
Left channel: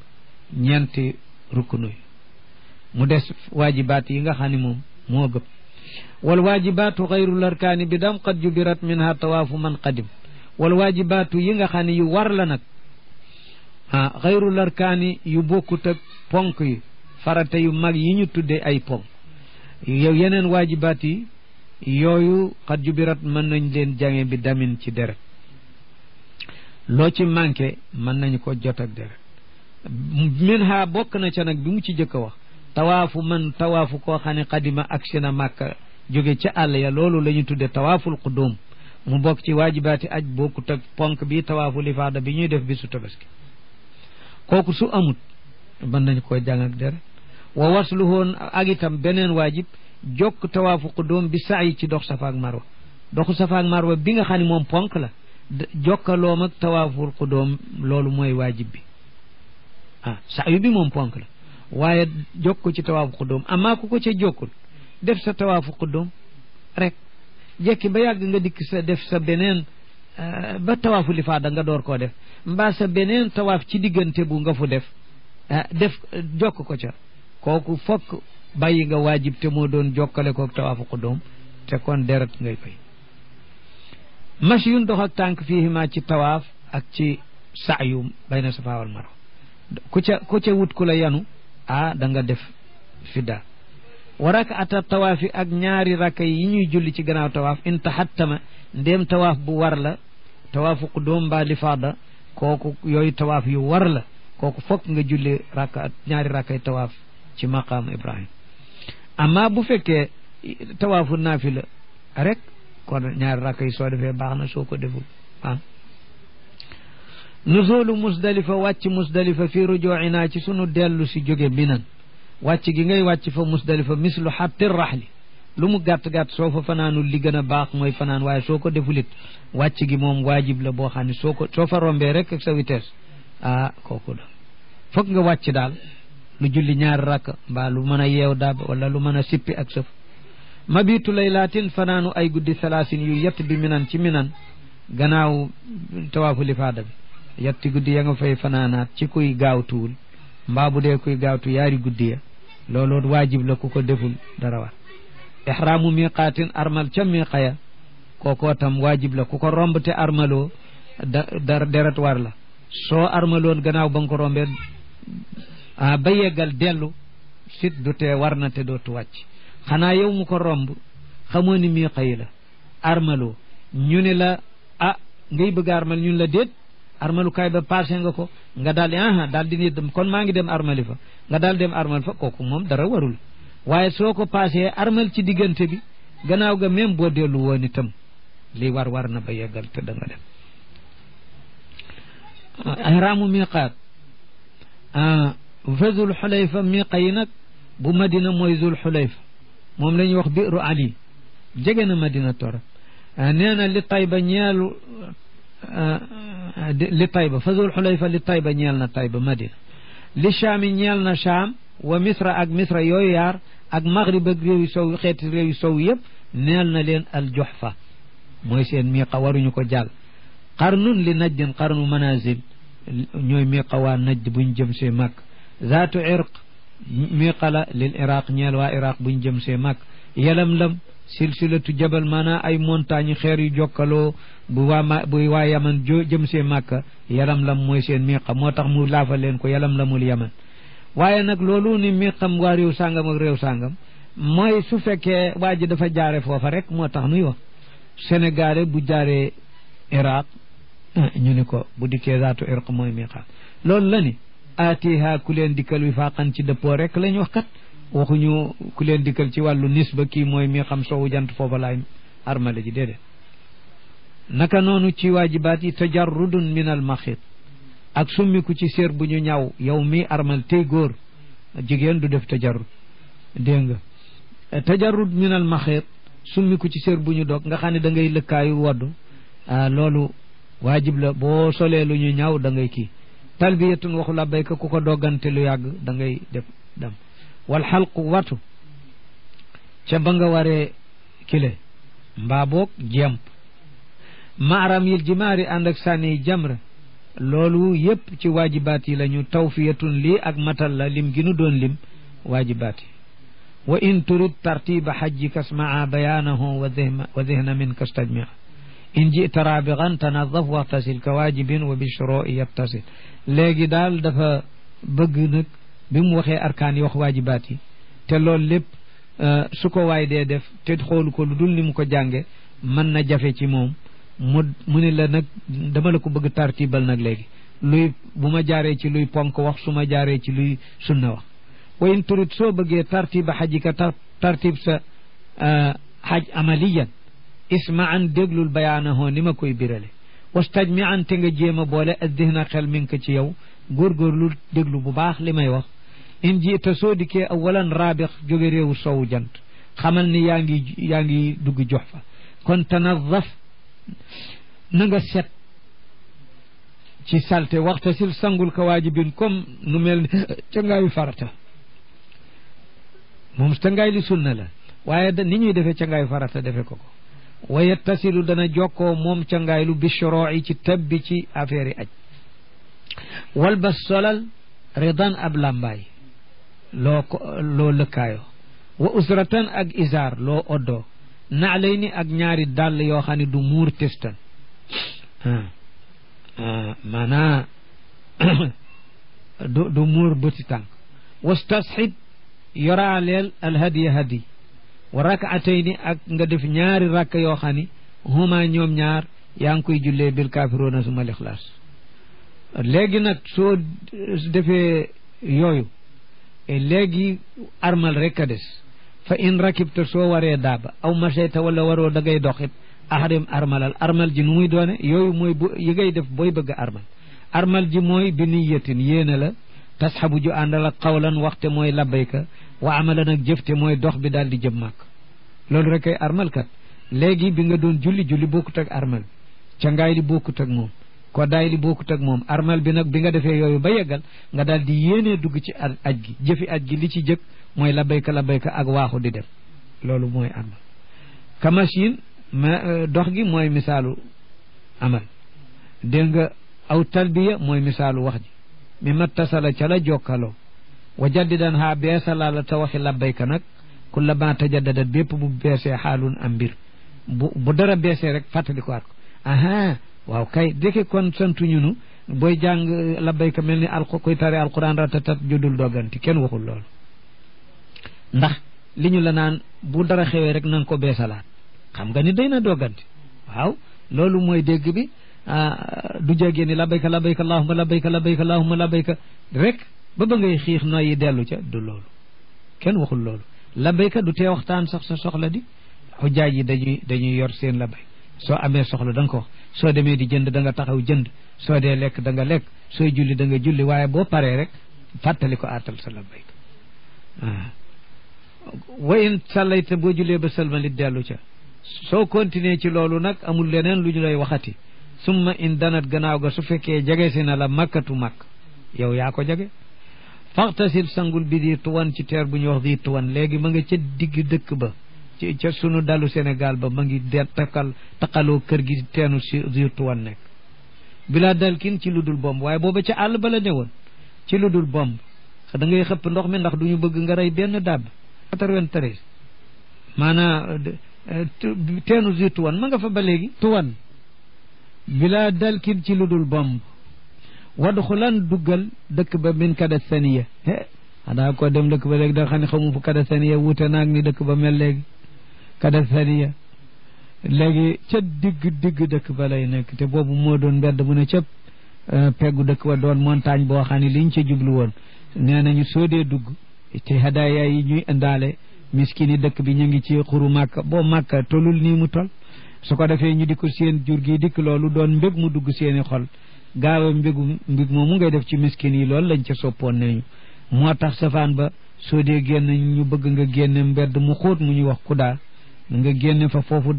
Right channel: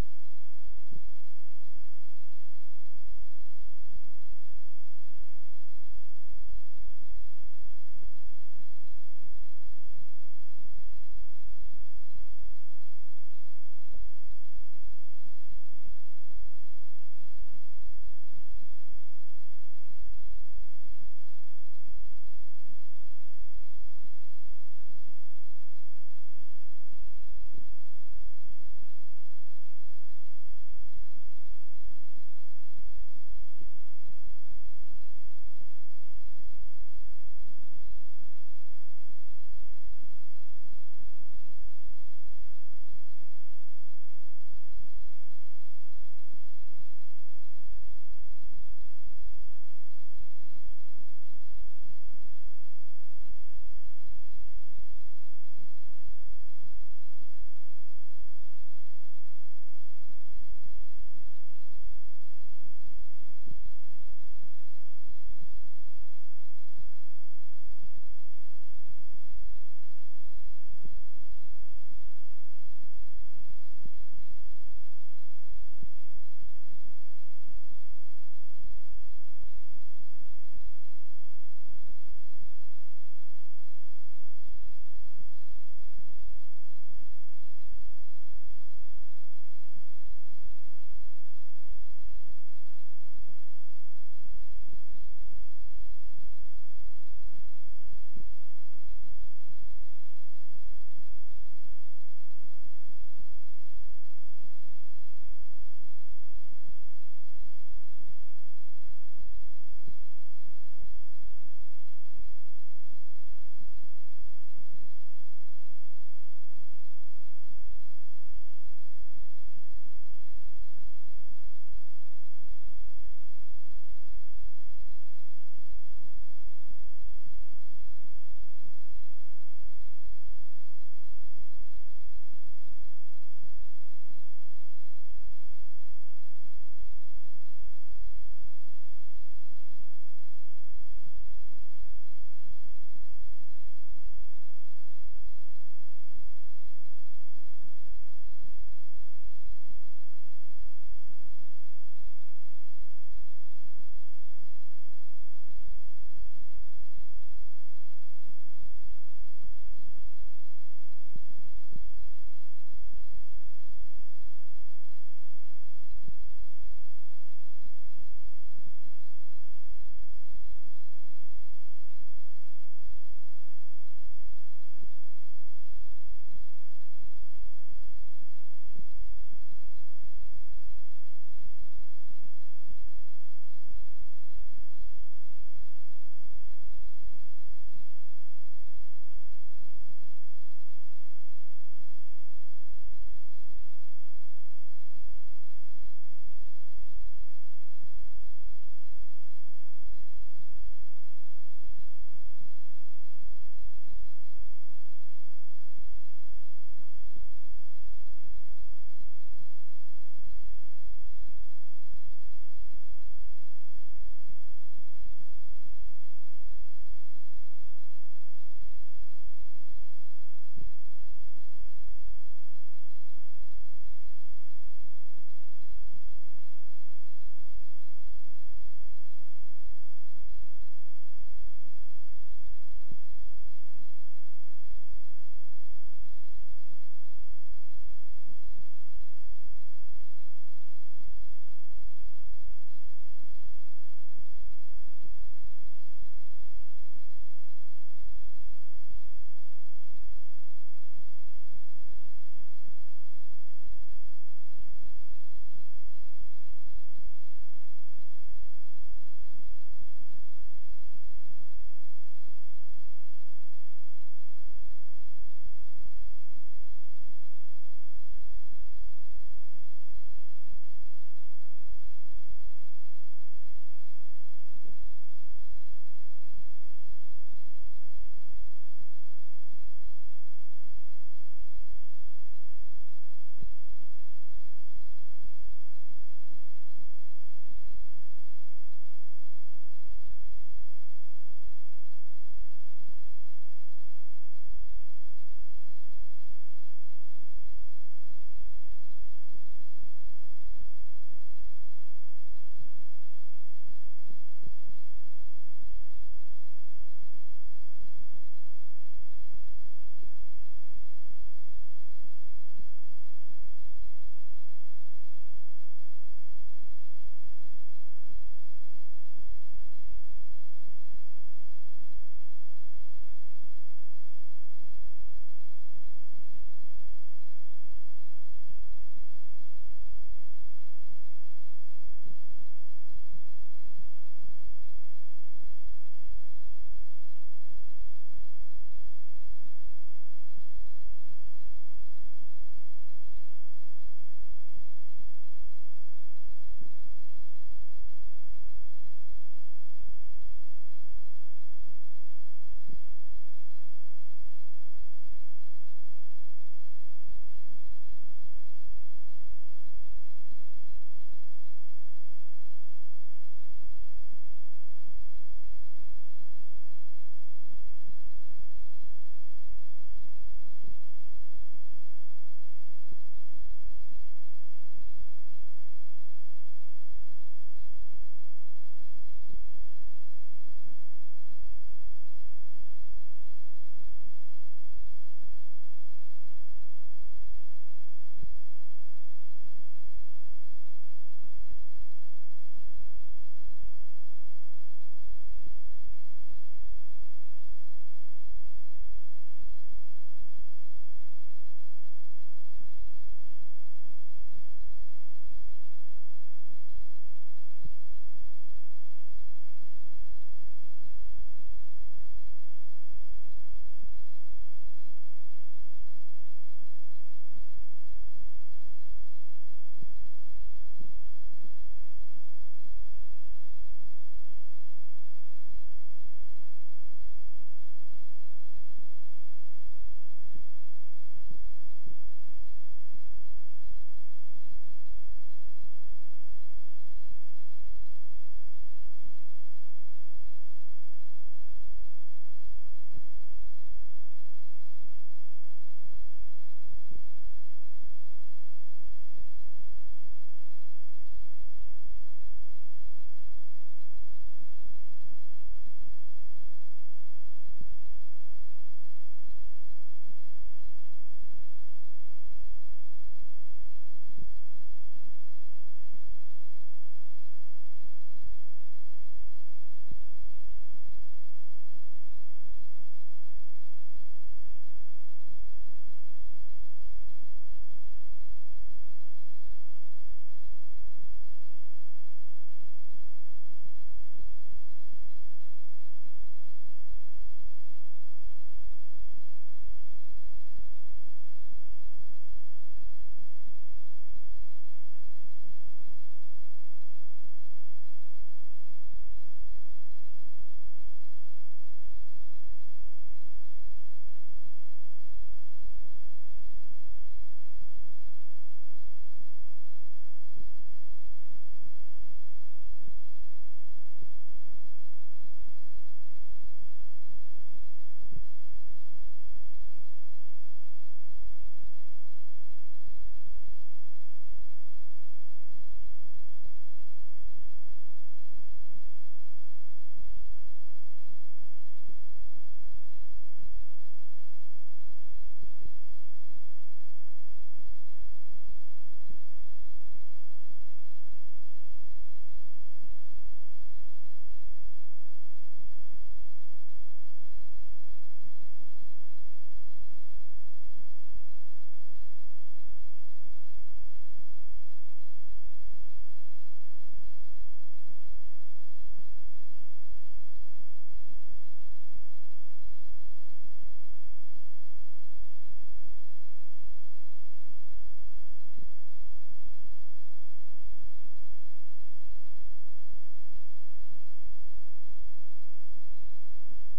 ñeenti ruknu yi mu des waajibaat yi nga xam ne moom moo gëpp wal waajibaatu xayru larkaani bi dam qad jubirat minha tawaafu man qadim wal waajibaatu yi nga xam ne yu war la nag xayru larkaani yu bokkut ak ponk yi farata yu mag yi ñu tuddee ay ponk yow yeneen waajibaat yi yooyu qad jubirat mën nañ leen jange bi damin ci deret loo ci manqué mën nañu ko jot ak deret minha bokk na ca nag bi mu ci jëkk a wax tawaafu koo xam ne xadima ak sina màkka jóge ca àll ya loolu la ñu tudde tawaaful qudum mu bokk ci waajibaati aj bokkut ak ponk bi tawaafu lifaada bi ñuy def bisu tabaski kooku su amut mën nañ koo jàng ak deret wa wasluhoon ak itam beneen waajib jokk tawaafu qudum bi sa'i ci dox safa ak marwa doxu safa ak marwa bi nga xam ne moom ponk la jokkaloom ak tawaaful qudum loolu mooy waajib bi sa'i bi moom ponk la waaye jokk ci tawaafu qudum amaa ku ko ca jokkul def sa tawaafu qudum rek jekki ba yàgg nga dikk sa def sa beneen ba tawaafu lifaada nga door koo def mbaa sa beneen tawaaf ci diggante bu nga fu def jokk ko ca kooku fokk bàyyi nga waajib te moo doon jokkale kook tawaafu qudum te kon deret ngay fay mashyun dox ak tànk fiihima ci tawaaf ak ci sa'yu bayna safa wal marwa ku ca wut ku la yanu da nga def fidda wa rak'ata tawaafi ak ñaari rakka yi ñuy julli ci gannaaw tawaaf in tahattama ndéem tawaaf bu war la tawaafu qudum mbaa lifaada kooku yooyu tawaaf yu war la kooku fokk nga julli ñaari rakkay tawaaf ci maqaam Ibrahim amma bu fekkee tawaafu naafila rek kon ñaari rakka yi soo defee baax na soo ko deful nuzulu musdalifa wàcc musdalifa fi rujuina ci sunu dellu si jóge minan wàcc gi ngay wàcc fa musdalifa mislu xatti raxli lu mu gàtt-gàtt soo fa fanaanul li gën a baax mooy fanaan waaye soo ko defulit wàcc gi moom waajib la boo xam ne soo fa rombee rek ak sa vitesse kooku la foog nga wàcc daal lu julli ñaari rakk mbaa lu mën a yeew daab wala lu mën a sippi ak sëf mabitu laylaatin fanaanu ay guddi salaasin yu yett bi minan ci minan gannaaw tawaafu lifaada bi yetti guddi ya nga fay fanaanaat ci kuy gaawtuwul mbaa bu dee kuy gaawtu yaari guddi ya loolu waajib la ku ko deful dara war ihraamu miqaatin armal ca miqa ya kookoo tam waajib la ku ko romb te armaloo deret war la soo armaloon gannaaw ba nga ko rombee ba yeggal dellu sit du tee war na te dootu wàcc xanaa yow mu ko romb xamoo ni miqa yi la armaloo ñu ne la ngay bëgg armal ñun la déet armalukaay ba passé nga ko nga daal di daal di dem kon maa ngi dem armali fa nga daal dem armal fa kooku moom dara warul waaye soo ko passé armal ci diggante bi gannaaw ga même boo dellu woon itam li war na ba yeggal te da nga dem ihraamu miqaat fa zul xulayfa miqa yi nag bu madina mooy zul xulayfa moom la ñuy wax biiru ali jege na madina tora nee na li tayba ñeelu li tayba fa zul xulayfa li tayba ñeel na tayba madina li shaami ñeel na shaam wa misra ak misra yooyu yaar ak maghrib ak réew yu sow xeeti réew yu sow yëpp neel na leen al juhfa mooy seen miqa waruñu ko jàll qarnun li najdin qarnu manazil ñooy miqa waa najd buñ jëm see màkk zaatu irq miqa la lil iraq ñeel waa iraq buñ jëm see màkk yalam-lam silsilatu jabal maanaa ay montagne xeer yu jokkaloo bu waa yaman jëm see màkka yalam-lam mooy seen miqa moo tax mu laafa leen ko yalam-lamul yaman waaye nag loolu ni miqam waa réew sàngam ak réew sàngam mooy su fekkee waa ji dafa jaare foofa rek moo tax nuy wax sénégalais bu jaaree iraq ñu ni ko bu dikkee zaatu irq mooy miqa loolu la ni atiha ku leen dikkal wi faaqan ci dëppoo rek lañ wax kat waxuñu ku leen dikkal ci wàllu nisba kii mooy mi xam sowu jant foofa laay armale ji déedéet naka noonu ci waajibaat yi tajarrudun min al maxit ak summiku ci séer bu ñu ñaw yow mi armal tey góor jigéen du def tajarrud dégg nga tajarrud min al maxit summiku ci séer bu ñu dog nga xam ne da ngay lëkkaayu waddu loolu waajib la boo solee lu ñu ñaaw da ngay kii talbiyatun waxu labbayka ku ko doggante lu yàgg da ngay def dem wal xalqu watu ca ba nga waree kile mbaa boog jemp maaram yil jimaari ànd ak sànni jamra loolu yépp ci waajibaat yi la ñu tawfiyatun lii ak matal la lim gi nu doon lim waajibaat yi wa in turid tartiba xajjika smaa bayaanahu wa dihna min kastajmia in jita rabigan tanadaf waxtasil ka waajibin wa bishroi yattasil léegi daal dafa bëgg nag bi mu waxee arkaan yi wax waajibaat yi te loolu lépp su ko waay dee def te xoolu ko lu dul ni mu ko jànge mën na jafe ci moom mu ne la nag dama la ko bëgg tartibal nag léegi luy bu ma jaaree ci luy ponk wax su ma jaaree ci luy sunna wax wa in turid soo bëggee tartiba xajika tartib sa xaj amaliyan ismaan déglul bayaanahoo ni ma koy birale wastajmi an te nga jéem a boole addihna xel mi ngi ko ci yow góorgóorlu déglu bu baax li may wax in jiita soo dikkee awalan raabix jóge réewu sowu jant xamal ni yaa ngi dugg jox fa kon tanadaf na nga set ci salte waxta sil sangul ka waajibin comme nu mel ni cangaayu farata moom cangaay li sunna la waaye ni ñuy defee cangaayu farata defe ko wa yattasilu dana jokkoo moom cangaay lu bishroi ci tabbi ci affaire yi aj wal bas solal ridan ab lambaay loo lëkkaayoo wa usratan ak isaar loo oddoo naalay ni ak ñaari dàll yoo xam ne du muur testan maanaa du muur bëti tànk wastasxib yoraaleel alhadiya hadi wa rakaatayni ak nga def ñaari rakk yoo xam ni huma ñoom ñaar yaa ngi koy jullee bil kaafiroona suma lixlaas léegi nag soo defee yooyu léegi armal rek a des fa in rakibta soo waree daaba aw machayta wala waroo da ngay doxit ahrim armal ji nu muy doone yooyu mooy yi ngay def booy bëgg armal ji mooy bi niyatin yéene la tasxabu ju àndal ak xawlan waxte mooy labbayka wa amalan ak jëfte mooy dox bi daal di jëm màkk loolu rek ay armal kat léegi bi nga doon julli bokkut ak armal cangaay li bokkut ak moom koddaay li bokkut ak moom armal bi nag bi nga defee yooyu ba yeggal nga daal di yéenee dugg ci aj gi jëfi aj gi li ci jëkk mooy labbayka ak waaxu di dem loolu mooy armal kamachin dox gi mooy misaalu amal dégg nga aw talbiya mooy misaalu wax ji mi mattasala ca la jokkaloo wa jaddidan haa beesala la ta waxi labbayka nag kulla ma tajaddadat bépp bu beesee xaalun am mbir bu dara beesee rek fàttali ko at ko aha waaw kay dëkk kon santuñu nu booy jàng labbayka mel ni koy tari alquran ratatat judul dogganti kenn waxul loolu ndax li ñu la naan bu dara xewee rek nanga ko beesalaat xam nga ni day na dogganti waaw loolu mooy dégg bi du jégee ni labbayka labbayka allahumma labbayka labbayka allahumma labbayka rek ba ngay xiix noyyi dellu ca du loolu kenn waxul loolu labbayka du tee waxtaan sax sa soxla di xujjaaj yi dañuy yor seen labbay soo amee soxla da nga ko wax soo demee di jënd da nga taxaw jënd soo dee lekk da nga lekk sooy julli da nga julli waaye boo paree rek fàttali ko aatal sa labbayka wa in sallayta boo jullee ba sëlmalit dellu ca soo continuer ci loolu nag amul leneen lu ñu lay waxati summa in danat gannaaw ga su fekkee jege si na la makkatu makk yow yaa ko jege faxtasil sangul bi di tuwan ci teer bu ñuy wax di tuwan léegi ma nga ca digg dëkk ba ci ca sunu dalu Sénégal ba ma ngi taqaloo kër gi teenu si di tuwan nekk bilaa dal kin ci lu dul bomb waaye booba ca àll ba la newoon ci lu dul bomb da ngay xëpp ndox mi ndax du ñu bëgg nga rey benn dàbb 93 maanaa teenu di tuwan ma nga fa ba léegi tuwan bilaa dal kin ci lu dul bomb wadxulan duggal dëkk ba min kada saniya xanaa ko dem dëkk ba léegi da xam ne xamu fu kada saniya wuute naag ni dëkk ba mel léegi kada saniya léegi ca digg dëkk ba lay nekk te boobu moo doon mbedd mu ne ca peggu dëkk ba doon montagne boo xam ne liñ ca jublu woon nee nañu soo dee dugg te hadaaya yi ñuy indaale miskini dëkk bi ñu ngi ci xuru màkka boo màkka tolul nii mu tol su ko defee ñu di ko seen jur gi dikk loolu doon mbég mu dugg seeni xol gaaw mbig moomu ngay def ci miskin yi loolu lañ ca soppoon nañu moo tax safaan ba soo dee génn ñu bëgg nga génne mbedd mu xóot mu ñuy wax kudaa nga génne fa foofu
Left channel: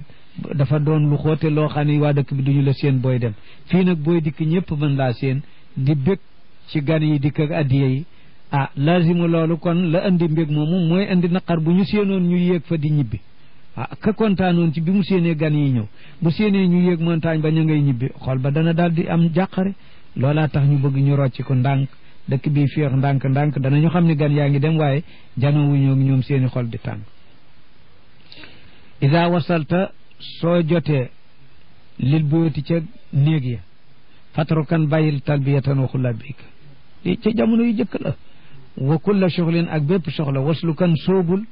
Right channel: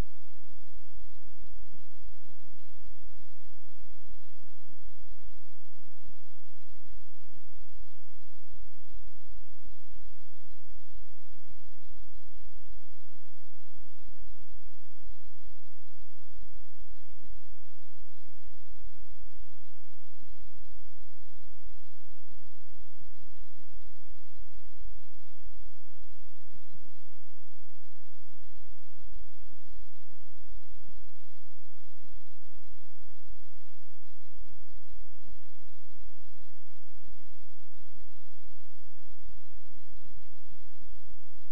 dafa doon lu xóote loo xam ne waa dëkk bi duñu la seen booy dem fii nag booy dikk ñëpp mën laa seen di bég ci gan yi dikk ak addiya yi ah lazimu loolu kon la andi mbég moomu mooy andi naqar bu ñu séenoon ñu yéeg fa di ñibbi ah ka kontaanoon ci bi mu séenee gan yi ñëw bu séenee ñu yéeg montagne ba ña ngay ñibbi xol ba dana daal di am jàqare loolaa tax ñu bëgg ñu rocci ko ndànk dëkk bi féex ndànk danañu xam ne gan yaa ngi dem waaye janowuñoo ñoom seeni xol di tàng ida wasalta soo jotee lil buyoti ca néeg ya fatrukan bàyyil talbiyatan waxu labbayka li ca jamono yu jëkk la wa kulla soxlin ak bépp soxla waslu kan soobul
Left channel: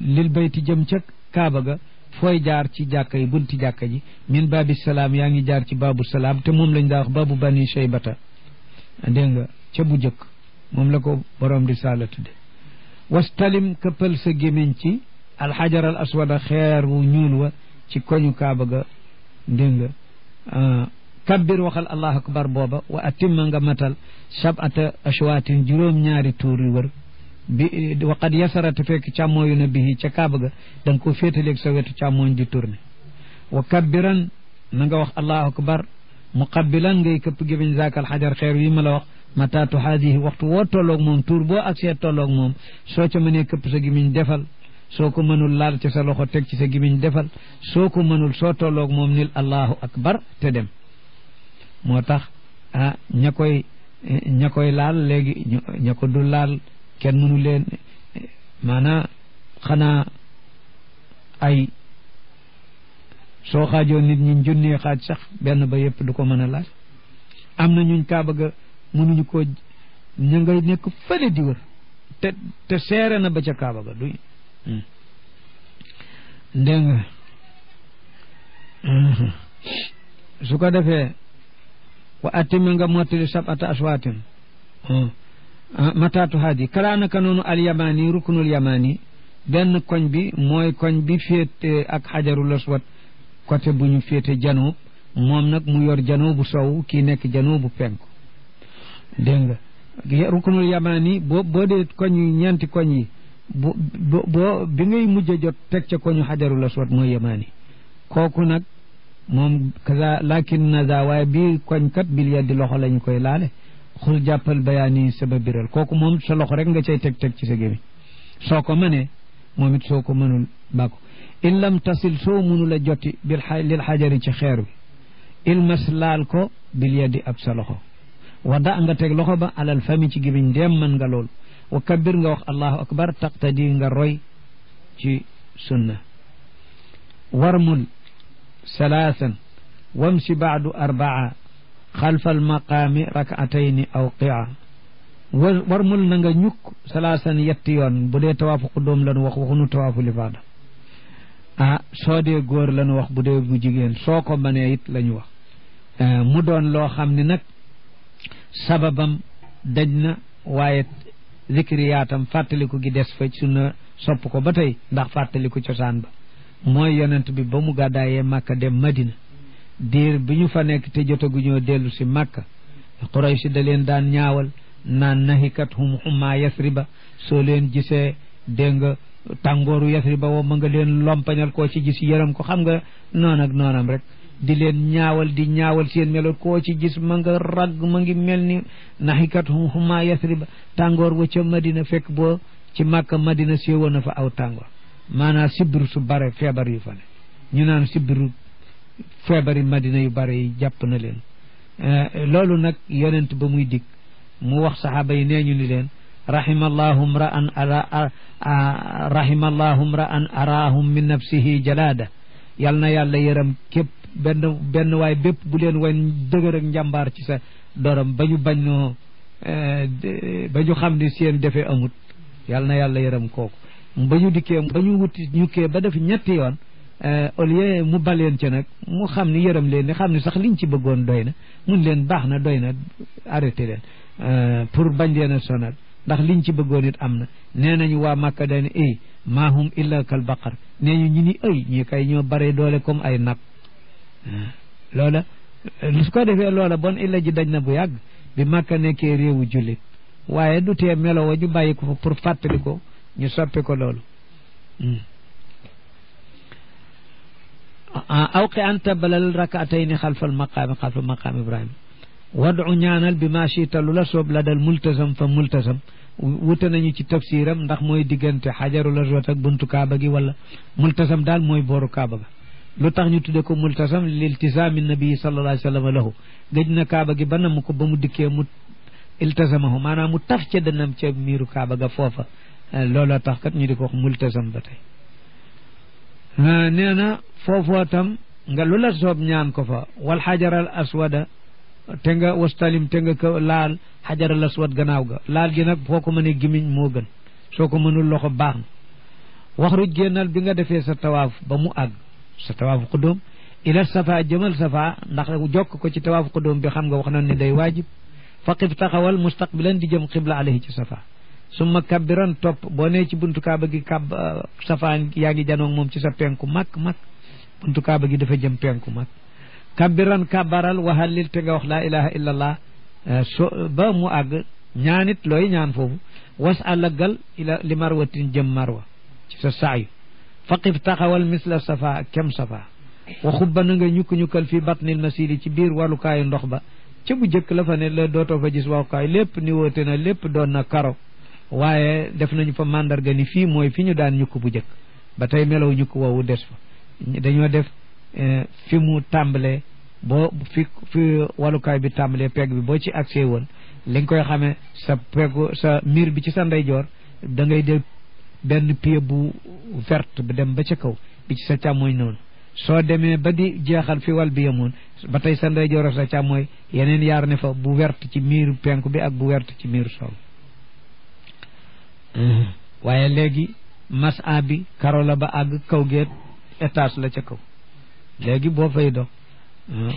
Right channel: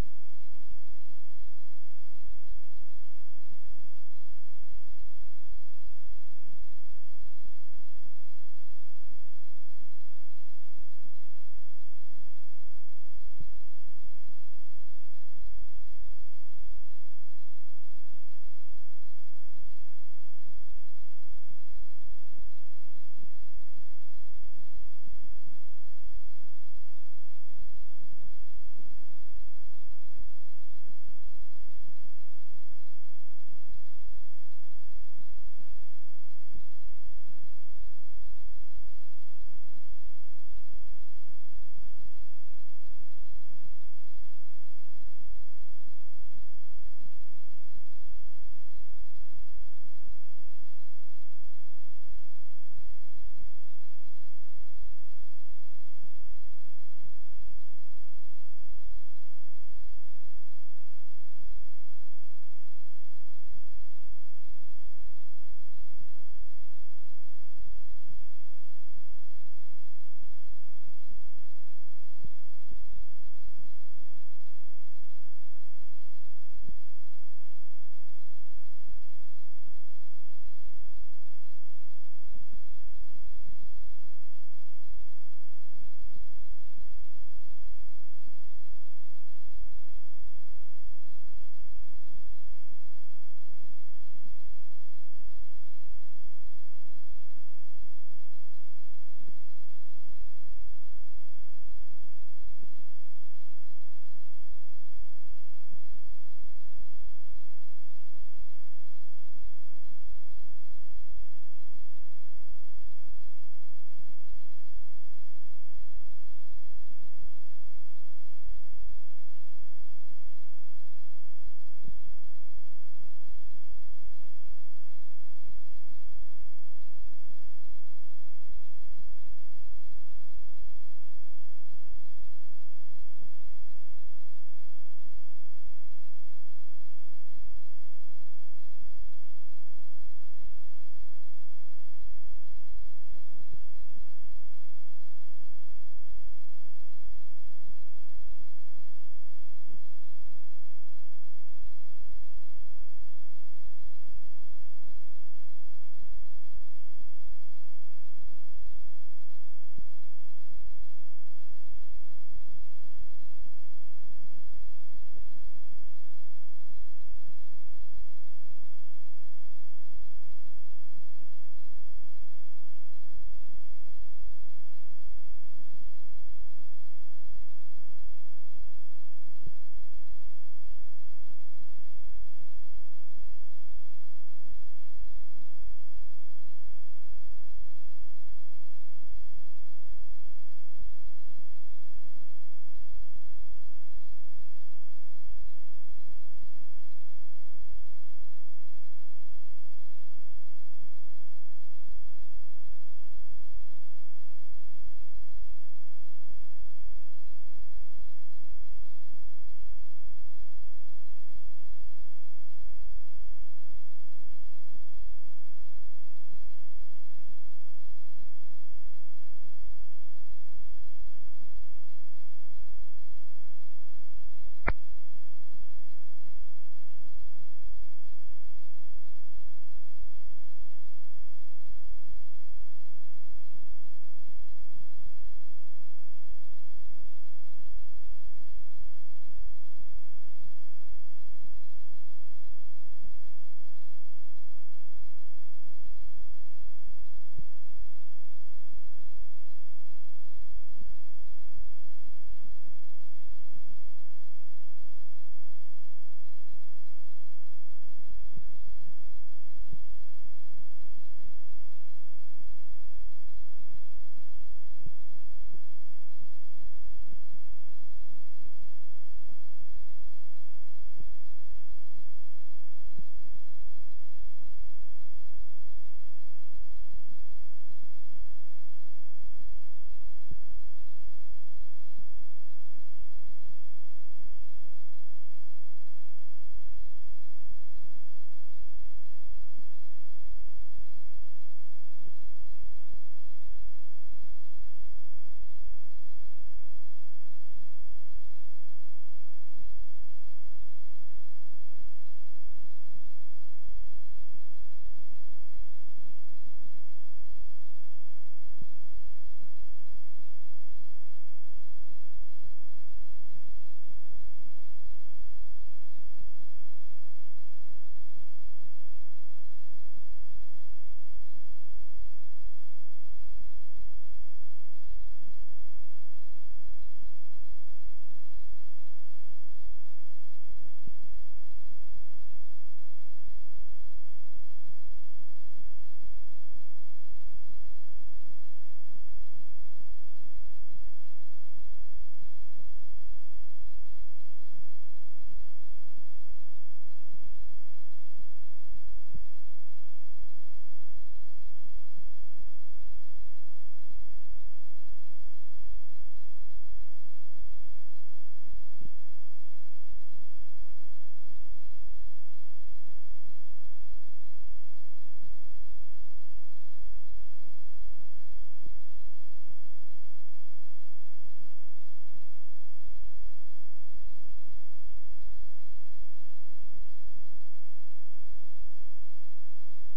lil bayti jëm ca kaaba ga fooy jaar ci jàkka yi bunti jàkka ji min baabi salaam yaa ngi jaar ci baabu salaam te moom lañ daa wax baabu bani shaybata dégg nga ca bu jëkk moom la ko borom di saala tudde wastalim këppal sa gémmiñ ci alxajar al aswada xeer wu ñuul wa ci koñu kaaba ga dégg nga kabbir waxal allahu akbar booba wa atimma nga matal sab'ata ashwaatin juróom-ñaari tuur yu wër bi waqad yasarata fekk càmmooyu na bihi ca kaaba ga da nga ko féetaleeg sa wetu càmmooñ di tourné wa kabbiran na nga wax allahu akbar muqabbilan ngay këpp gémmiñ zaakal xajar xeer wi ma la wax mataatu haadihi waxtu woo tolloog moom tuur boo agsee tolloog moom soo ca mënee këpp sa gémmiñ defal soo ko mënul laal ci sa loxo teg ci sa gémmiñ defal soo ko mënul soo tolloog moom nil allahu akbar te dem moo tax ah ña koy laal léegi ña ko du laal kenn mënu leen maanaa xanaa ay soo xaajoo nit ñi junnee xaaj sax benn ba yëpp du ko mën a laal am na ñuñ kaaba ga mënuñu ko ña ngay nekk fële di wër te seere na ba ca kaaba ga du dégg nga su ko defee wa atima nga mottali sab'ata aswaatin mataatu haadi kalaanaka noonu alyamani ruknul yamani benn koñ bi mooy koñ bi féete ak xajarul aswad côté bu ñu féete janoob moom nag mu yor janoobu sow kii nekk janoobu penku dégg nga ruknul yamani boo dee koñ yi ñeenti koñ yi boo bi ngay mujj a jot teg ca koñu xajarul aswad mooy yamani kooku nag moom kaza lakin naza waaye bii koñ kat bil yaddi loxo lañu koy laale xul jàppal bayaani saba biral kooku moom sa loxo rek nga cay teg ci sa gémmiñ soo ko mënee moom it soo ko mënul bàkko in lam tasil soo mënul a joti lil xajari ci xeer wi ilmas laal ko bil yaddi ab sa loxo wada nga teg loxo ba alal fami ci gémmiñ ndéem mën nga loolu wa kabbir nga wax allahu akbar taqtadi nga roy ci sunna warmul salaasan wamsi baadu arbaa xalfa almaqaami rakatayni aw qia warmul na nga ñukk salaasan yetti yoon bu dee tawaafu qudóom lanu wax waxunu tawaafu lifaada soo dee góor lanu wax bu dee bu jigéen soo ko mënee it la ñu wax mu doon loo xam ne nag sababam daj na waaye zikriyaatam fàttaliku gi des fa sunna sopp ko ba tey ndax fàttaliku cosaan ba mooy yonent bi ba mu gàddaayee màkka dem madina diir bi ñu fa nekk te jotaguñoo dellu si màkka Quraysh da leen daan ñaawal naan nahikat hum humma yasriba soo leen gisee dégg nga tàngooru yasriba woo ma nga leen lompañal koo ci gis yërëm ko xam nga noon ak noonam rek di leen ñaawal di ñaawal seen melo koo ci gis ma nga ragg ma ngi mel ni nahikat hum humma yasriba tàngoor wa ca madina fekk boo ci màkka madina séewoon na fa aw tàngoor maanaam sibbiru su bare feebar yu fa ne ñu naan sibbiru feebari madina yu bare yi jàpp na leen loolu nag yonent ba muy dig mu wax saxaaba yi nee ñu ni leen rahimallahu mra'an araahum min nafsihi jalaada yal na yàlla yërëm képp benn waay bépp bu leen wan dëgër ak njàmbaar ci sa dorom ba ñu bañ noo ba ñu xam ni seen defee amut yal na yàlla yërëm kooku ba ñu dikkee ba ñu wuti ñukkee ba def ñetti yoon au lieu mu baleen ca nag mu xam ni yërëm leen ni xam ni sax liñ ci bëggoon doy na mun leen baax na doy na arrêté leen pour bañ leen a sonal ndax liñ ci bëggoon it am na nee nañu waa Màkka daane ay maahum illa kal baqar nee ñu ni ay ñi kay ñoo bare doole comme ay nag loola su ko defee loola bon illa ji daj na bu yàgg bi Màkka nekkee réewu jullit waaye du tee melo wa ñu bàyyi ko fa pour fàttali ko ñu soppi ko loolu awqi anta balal rakaatayni xalfal maqaami ibrahima wadu ñaanal bi ma chita lu la soob la dal multasam fa multasam wute nañu ci tafsiram ndax mooy diggante xajarul aswad ak buntu kaaba gi wala multasam daal mooy booru kaaba ga lu tax ñu tudde ko multasam liltisaami nabii sallallahu alayhi wa sallam lahu gëj na kaaba gi ba namm ko ba mu dikkee mu iltasamahu maanaam mu taf ca dënam ca miiru kaaba ga foofa looloo tax kat ñu di ko wax multasam ba tey nee na foofoo tam nga lu la soob ñaan ko fa wal xajaral aswada te nga wastalim te nga ko laal xajaral aswad gannaaw ga laal gi nag foo ko mënee gimiñ moo gën soo ko mënul loxo baax na wax ruj génnal bi nga defee sa tawaaf ba mu àgg sa tawaaf qudóom ila safa jëmal safa ndax jokk ko ci tawaaf qudóom bi xam nga wax na ne day waajib faqif taxawal mustaqbilan di jëm xibla alayhi ci safa summa kabbiran topp boo nee ci buntu kaaba gi safa yaa ngi janoog moom ci sa penku mag buntu kaaba gi dafa jëm penku mag kabbiran kabbaral waxallil te nga wax laa ilaha illa allah ba mu àgg ñaanit looy ñaan foofu was àllagal ila li marwatin jëm marwa ci sa saayu faqif taxawal misla safa kem safa wa xubba na nga ñukk-ñukkal fii batnil masiri ci biir walukaayu ndox ba ca bu jëkk la fa ne la dootoo fa gis walukaay lépp ni woote na lépp doon na karo waaye def nañu fa mandarga ni fii mooy fi ñu daan ñukk bu jëkk ba tey melow ñukk woowu des fa dañoo def fi mu tàmbalee boo fi walukaay bi tàmbalee pegg bi boo ci accès woon li nga koy xamee sa peggu sa miir bi ci sa ndeyjoor da ngay def benn pied bu verte ba dem ba ca kaw bi ci sa càmmooñ noonu soo demee ba di jeexal fi wal bi yemoon ba tey sa ndeyjoor sa càmmooñ yeneen yaar ne fa bu verte ci miiru penku bi ak bu verte ci miiru sow waaye léegi masa bi karo la ba àgg kaw geet étage la ca kaw léegi boo fay dox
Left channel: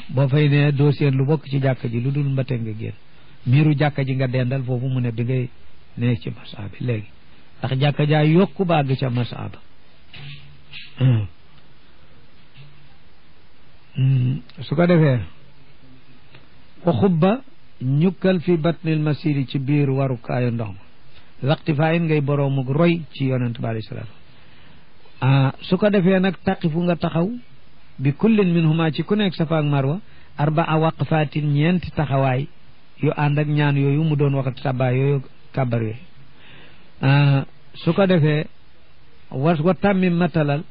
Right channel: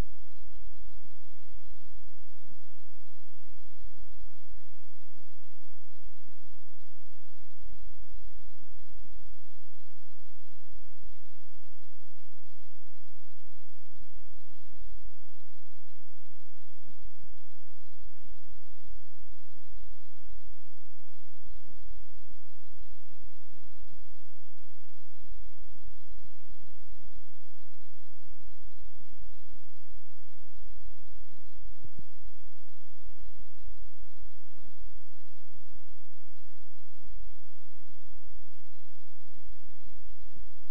boo fay ne doo seen lu bokk ci jàkka ji lu dul mbate nga génn miiru jàkka ji nga dendal foofu mu ne bi ngay ne ci masa bi léegi ndax jàkka jaa yokku ba àgg ca masa ba su ko defee wa xubba ñukkal fi batnil masiri ci biir warukaayu ndox ma waqtifaayin ngay boroomuk roy ci yonent bi alayhi salaam su ko defee nag taqifu nga taxaw bi kullin minhuma ci ku nekk safa ak marwa arbaa waqfaatin ñeenti taxawaay yu ànd ak ñaan yooyu mu doon wax sabaa yooyu kàbbar yooyu su ko defee wa tàmmi matalal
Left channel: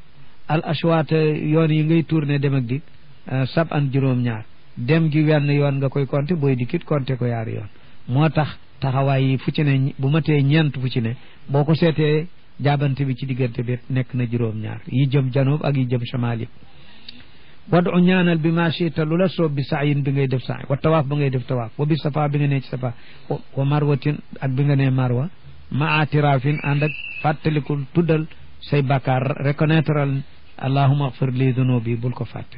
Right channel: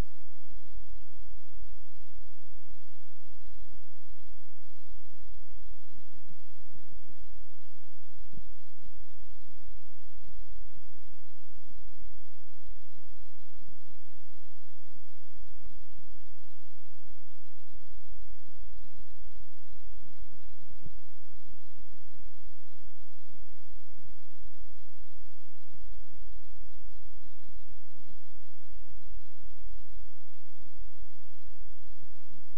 al ashwaat yoon yi ngay tourné dem ak dik sab an juróom-ñaar dem gi wenn yoon nga koy compté booy dikkit compté ko yaari yoon moo tax taxawaay yi fu ci ne bu ma tee ñeent fu ci ne boo ko seetee jaabante bi ci diggante bi nekk na juróom-ñaar yi jëm janoob ak yi jëm shamaal yëpp wadu ñaanal bi ma chita lu la soob bi saayin bi ngay def saay wa tawaaf ba ngay def tawaaf wa bi safa bi nga ne ci safa wa marwatin ak bi nga ne marwa ma atirafin ànd ak fàttalikul tuddal say bakkaar reconnaître allahuma agfir li dunubi bul ko fàtte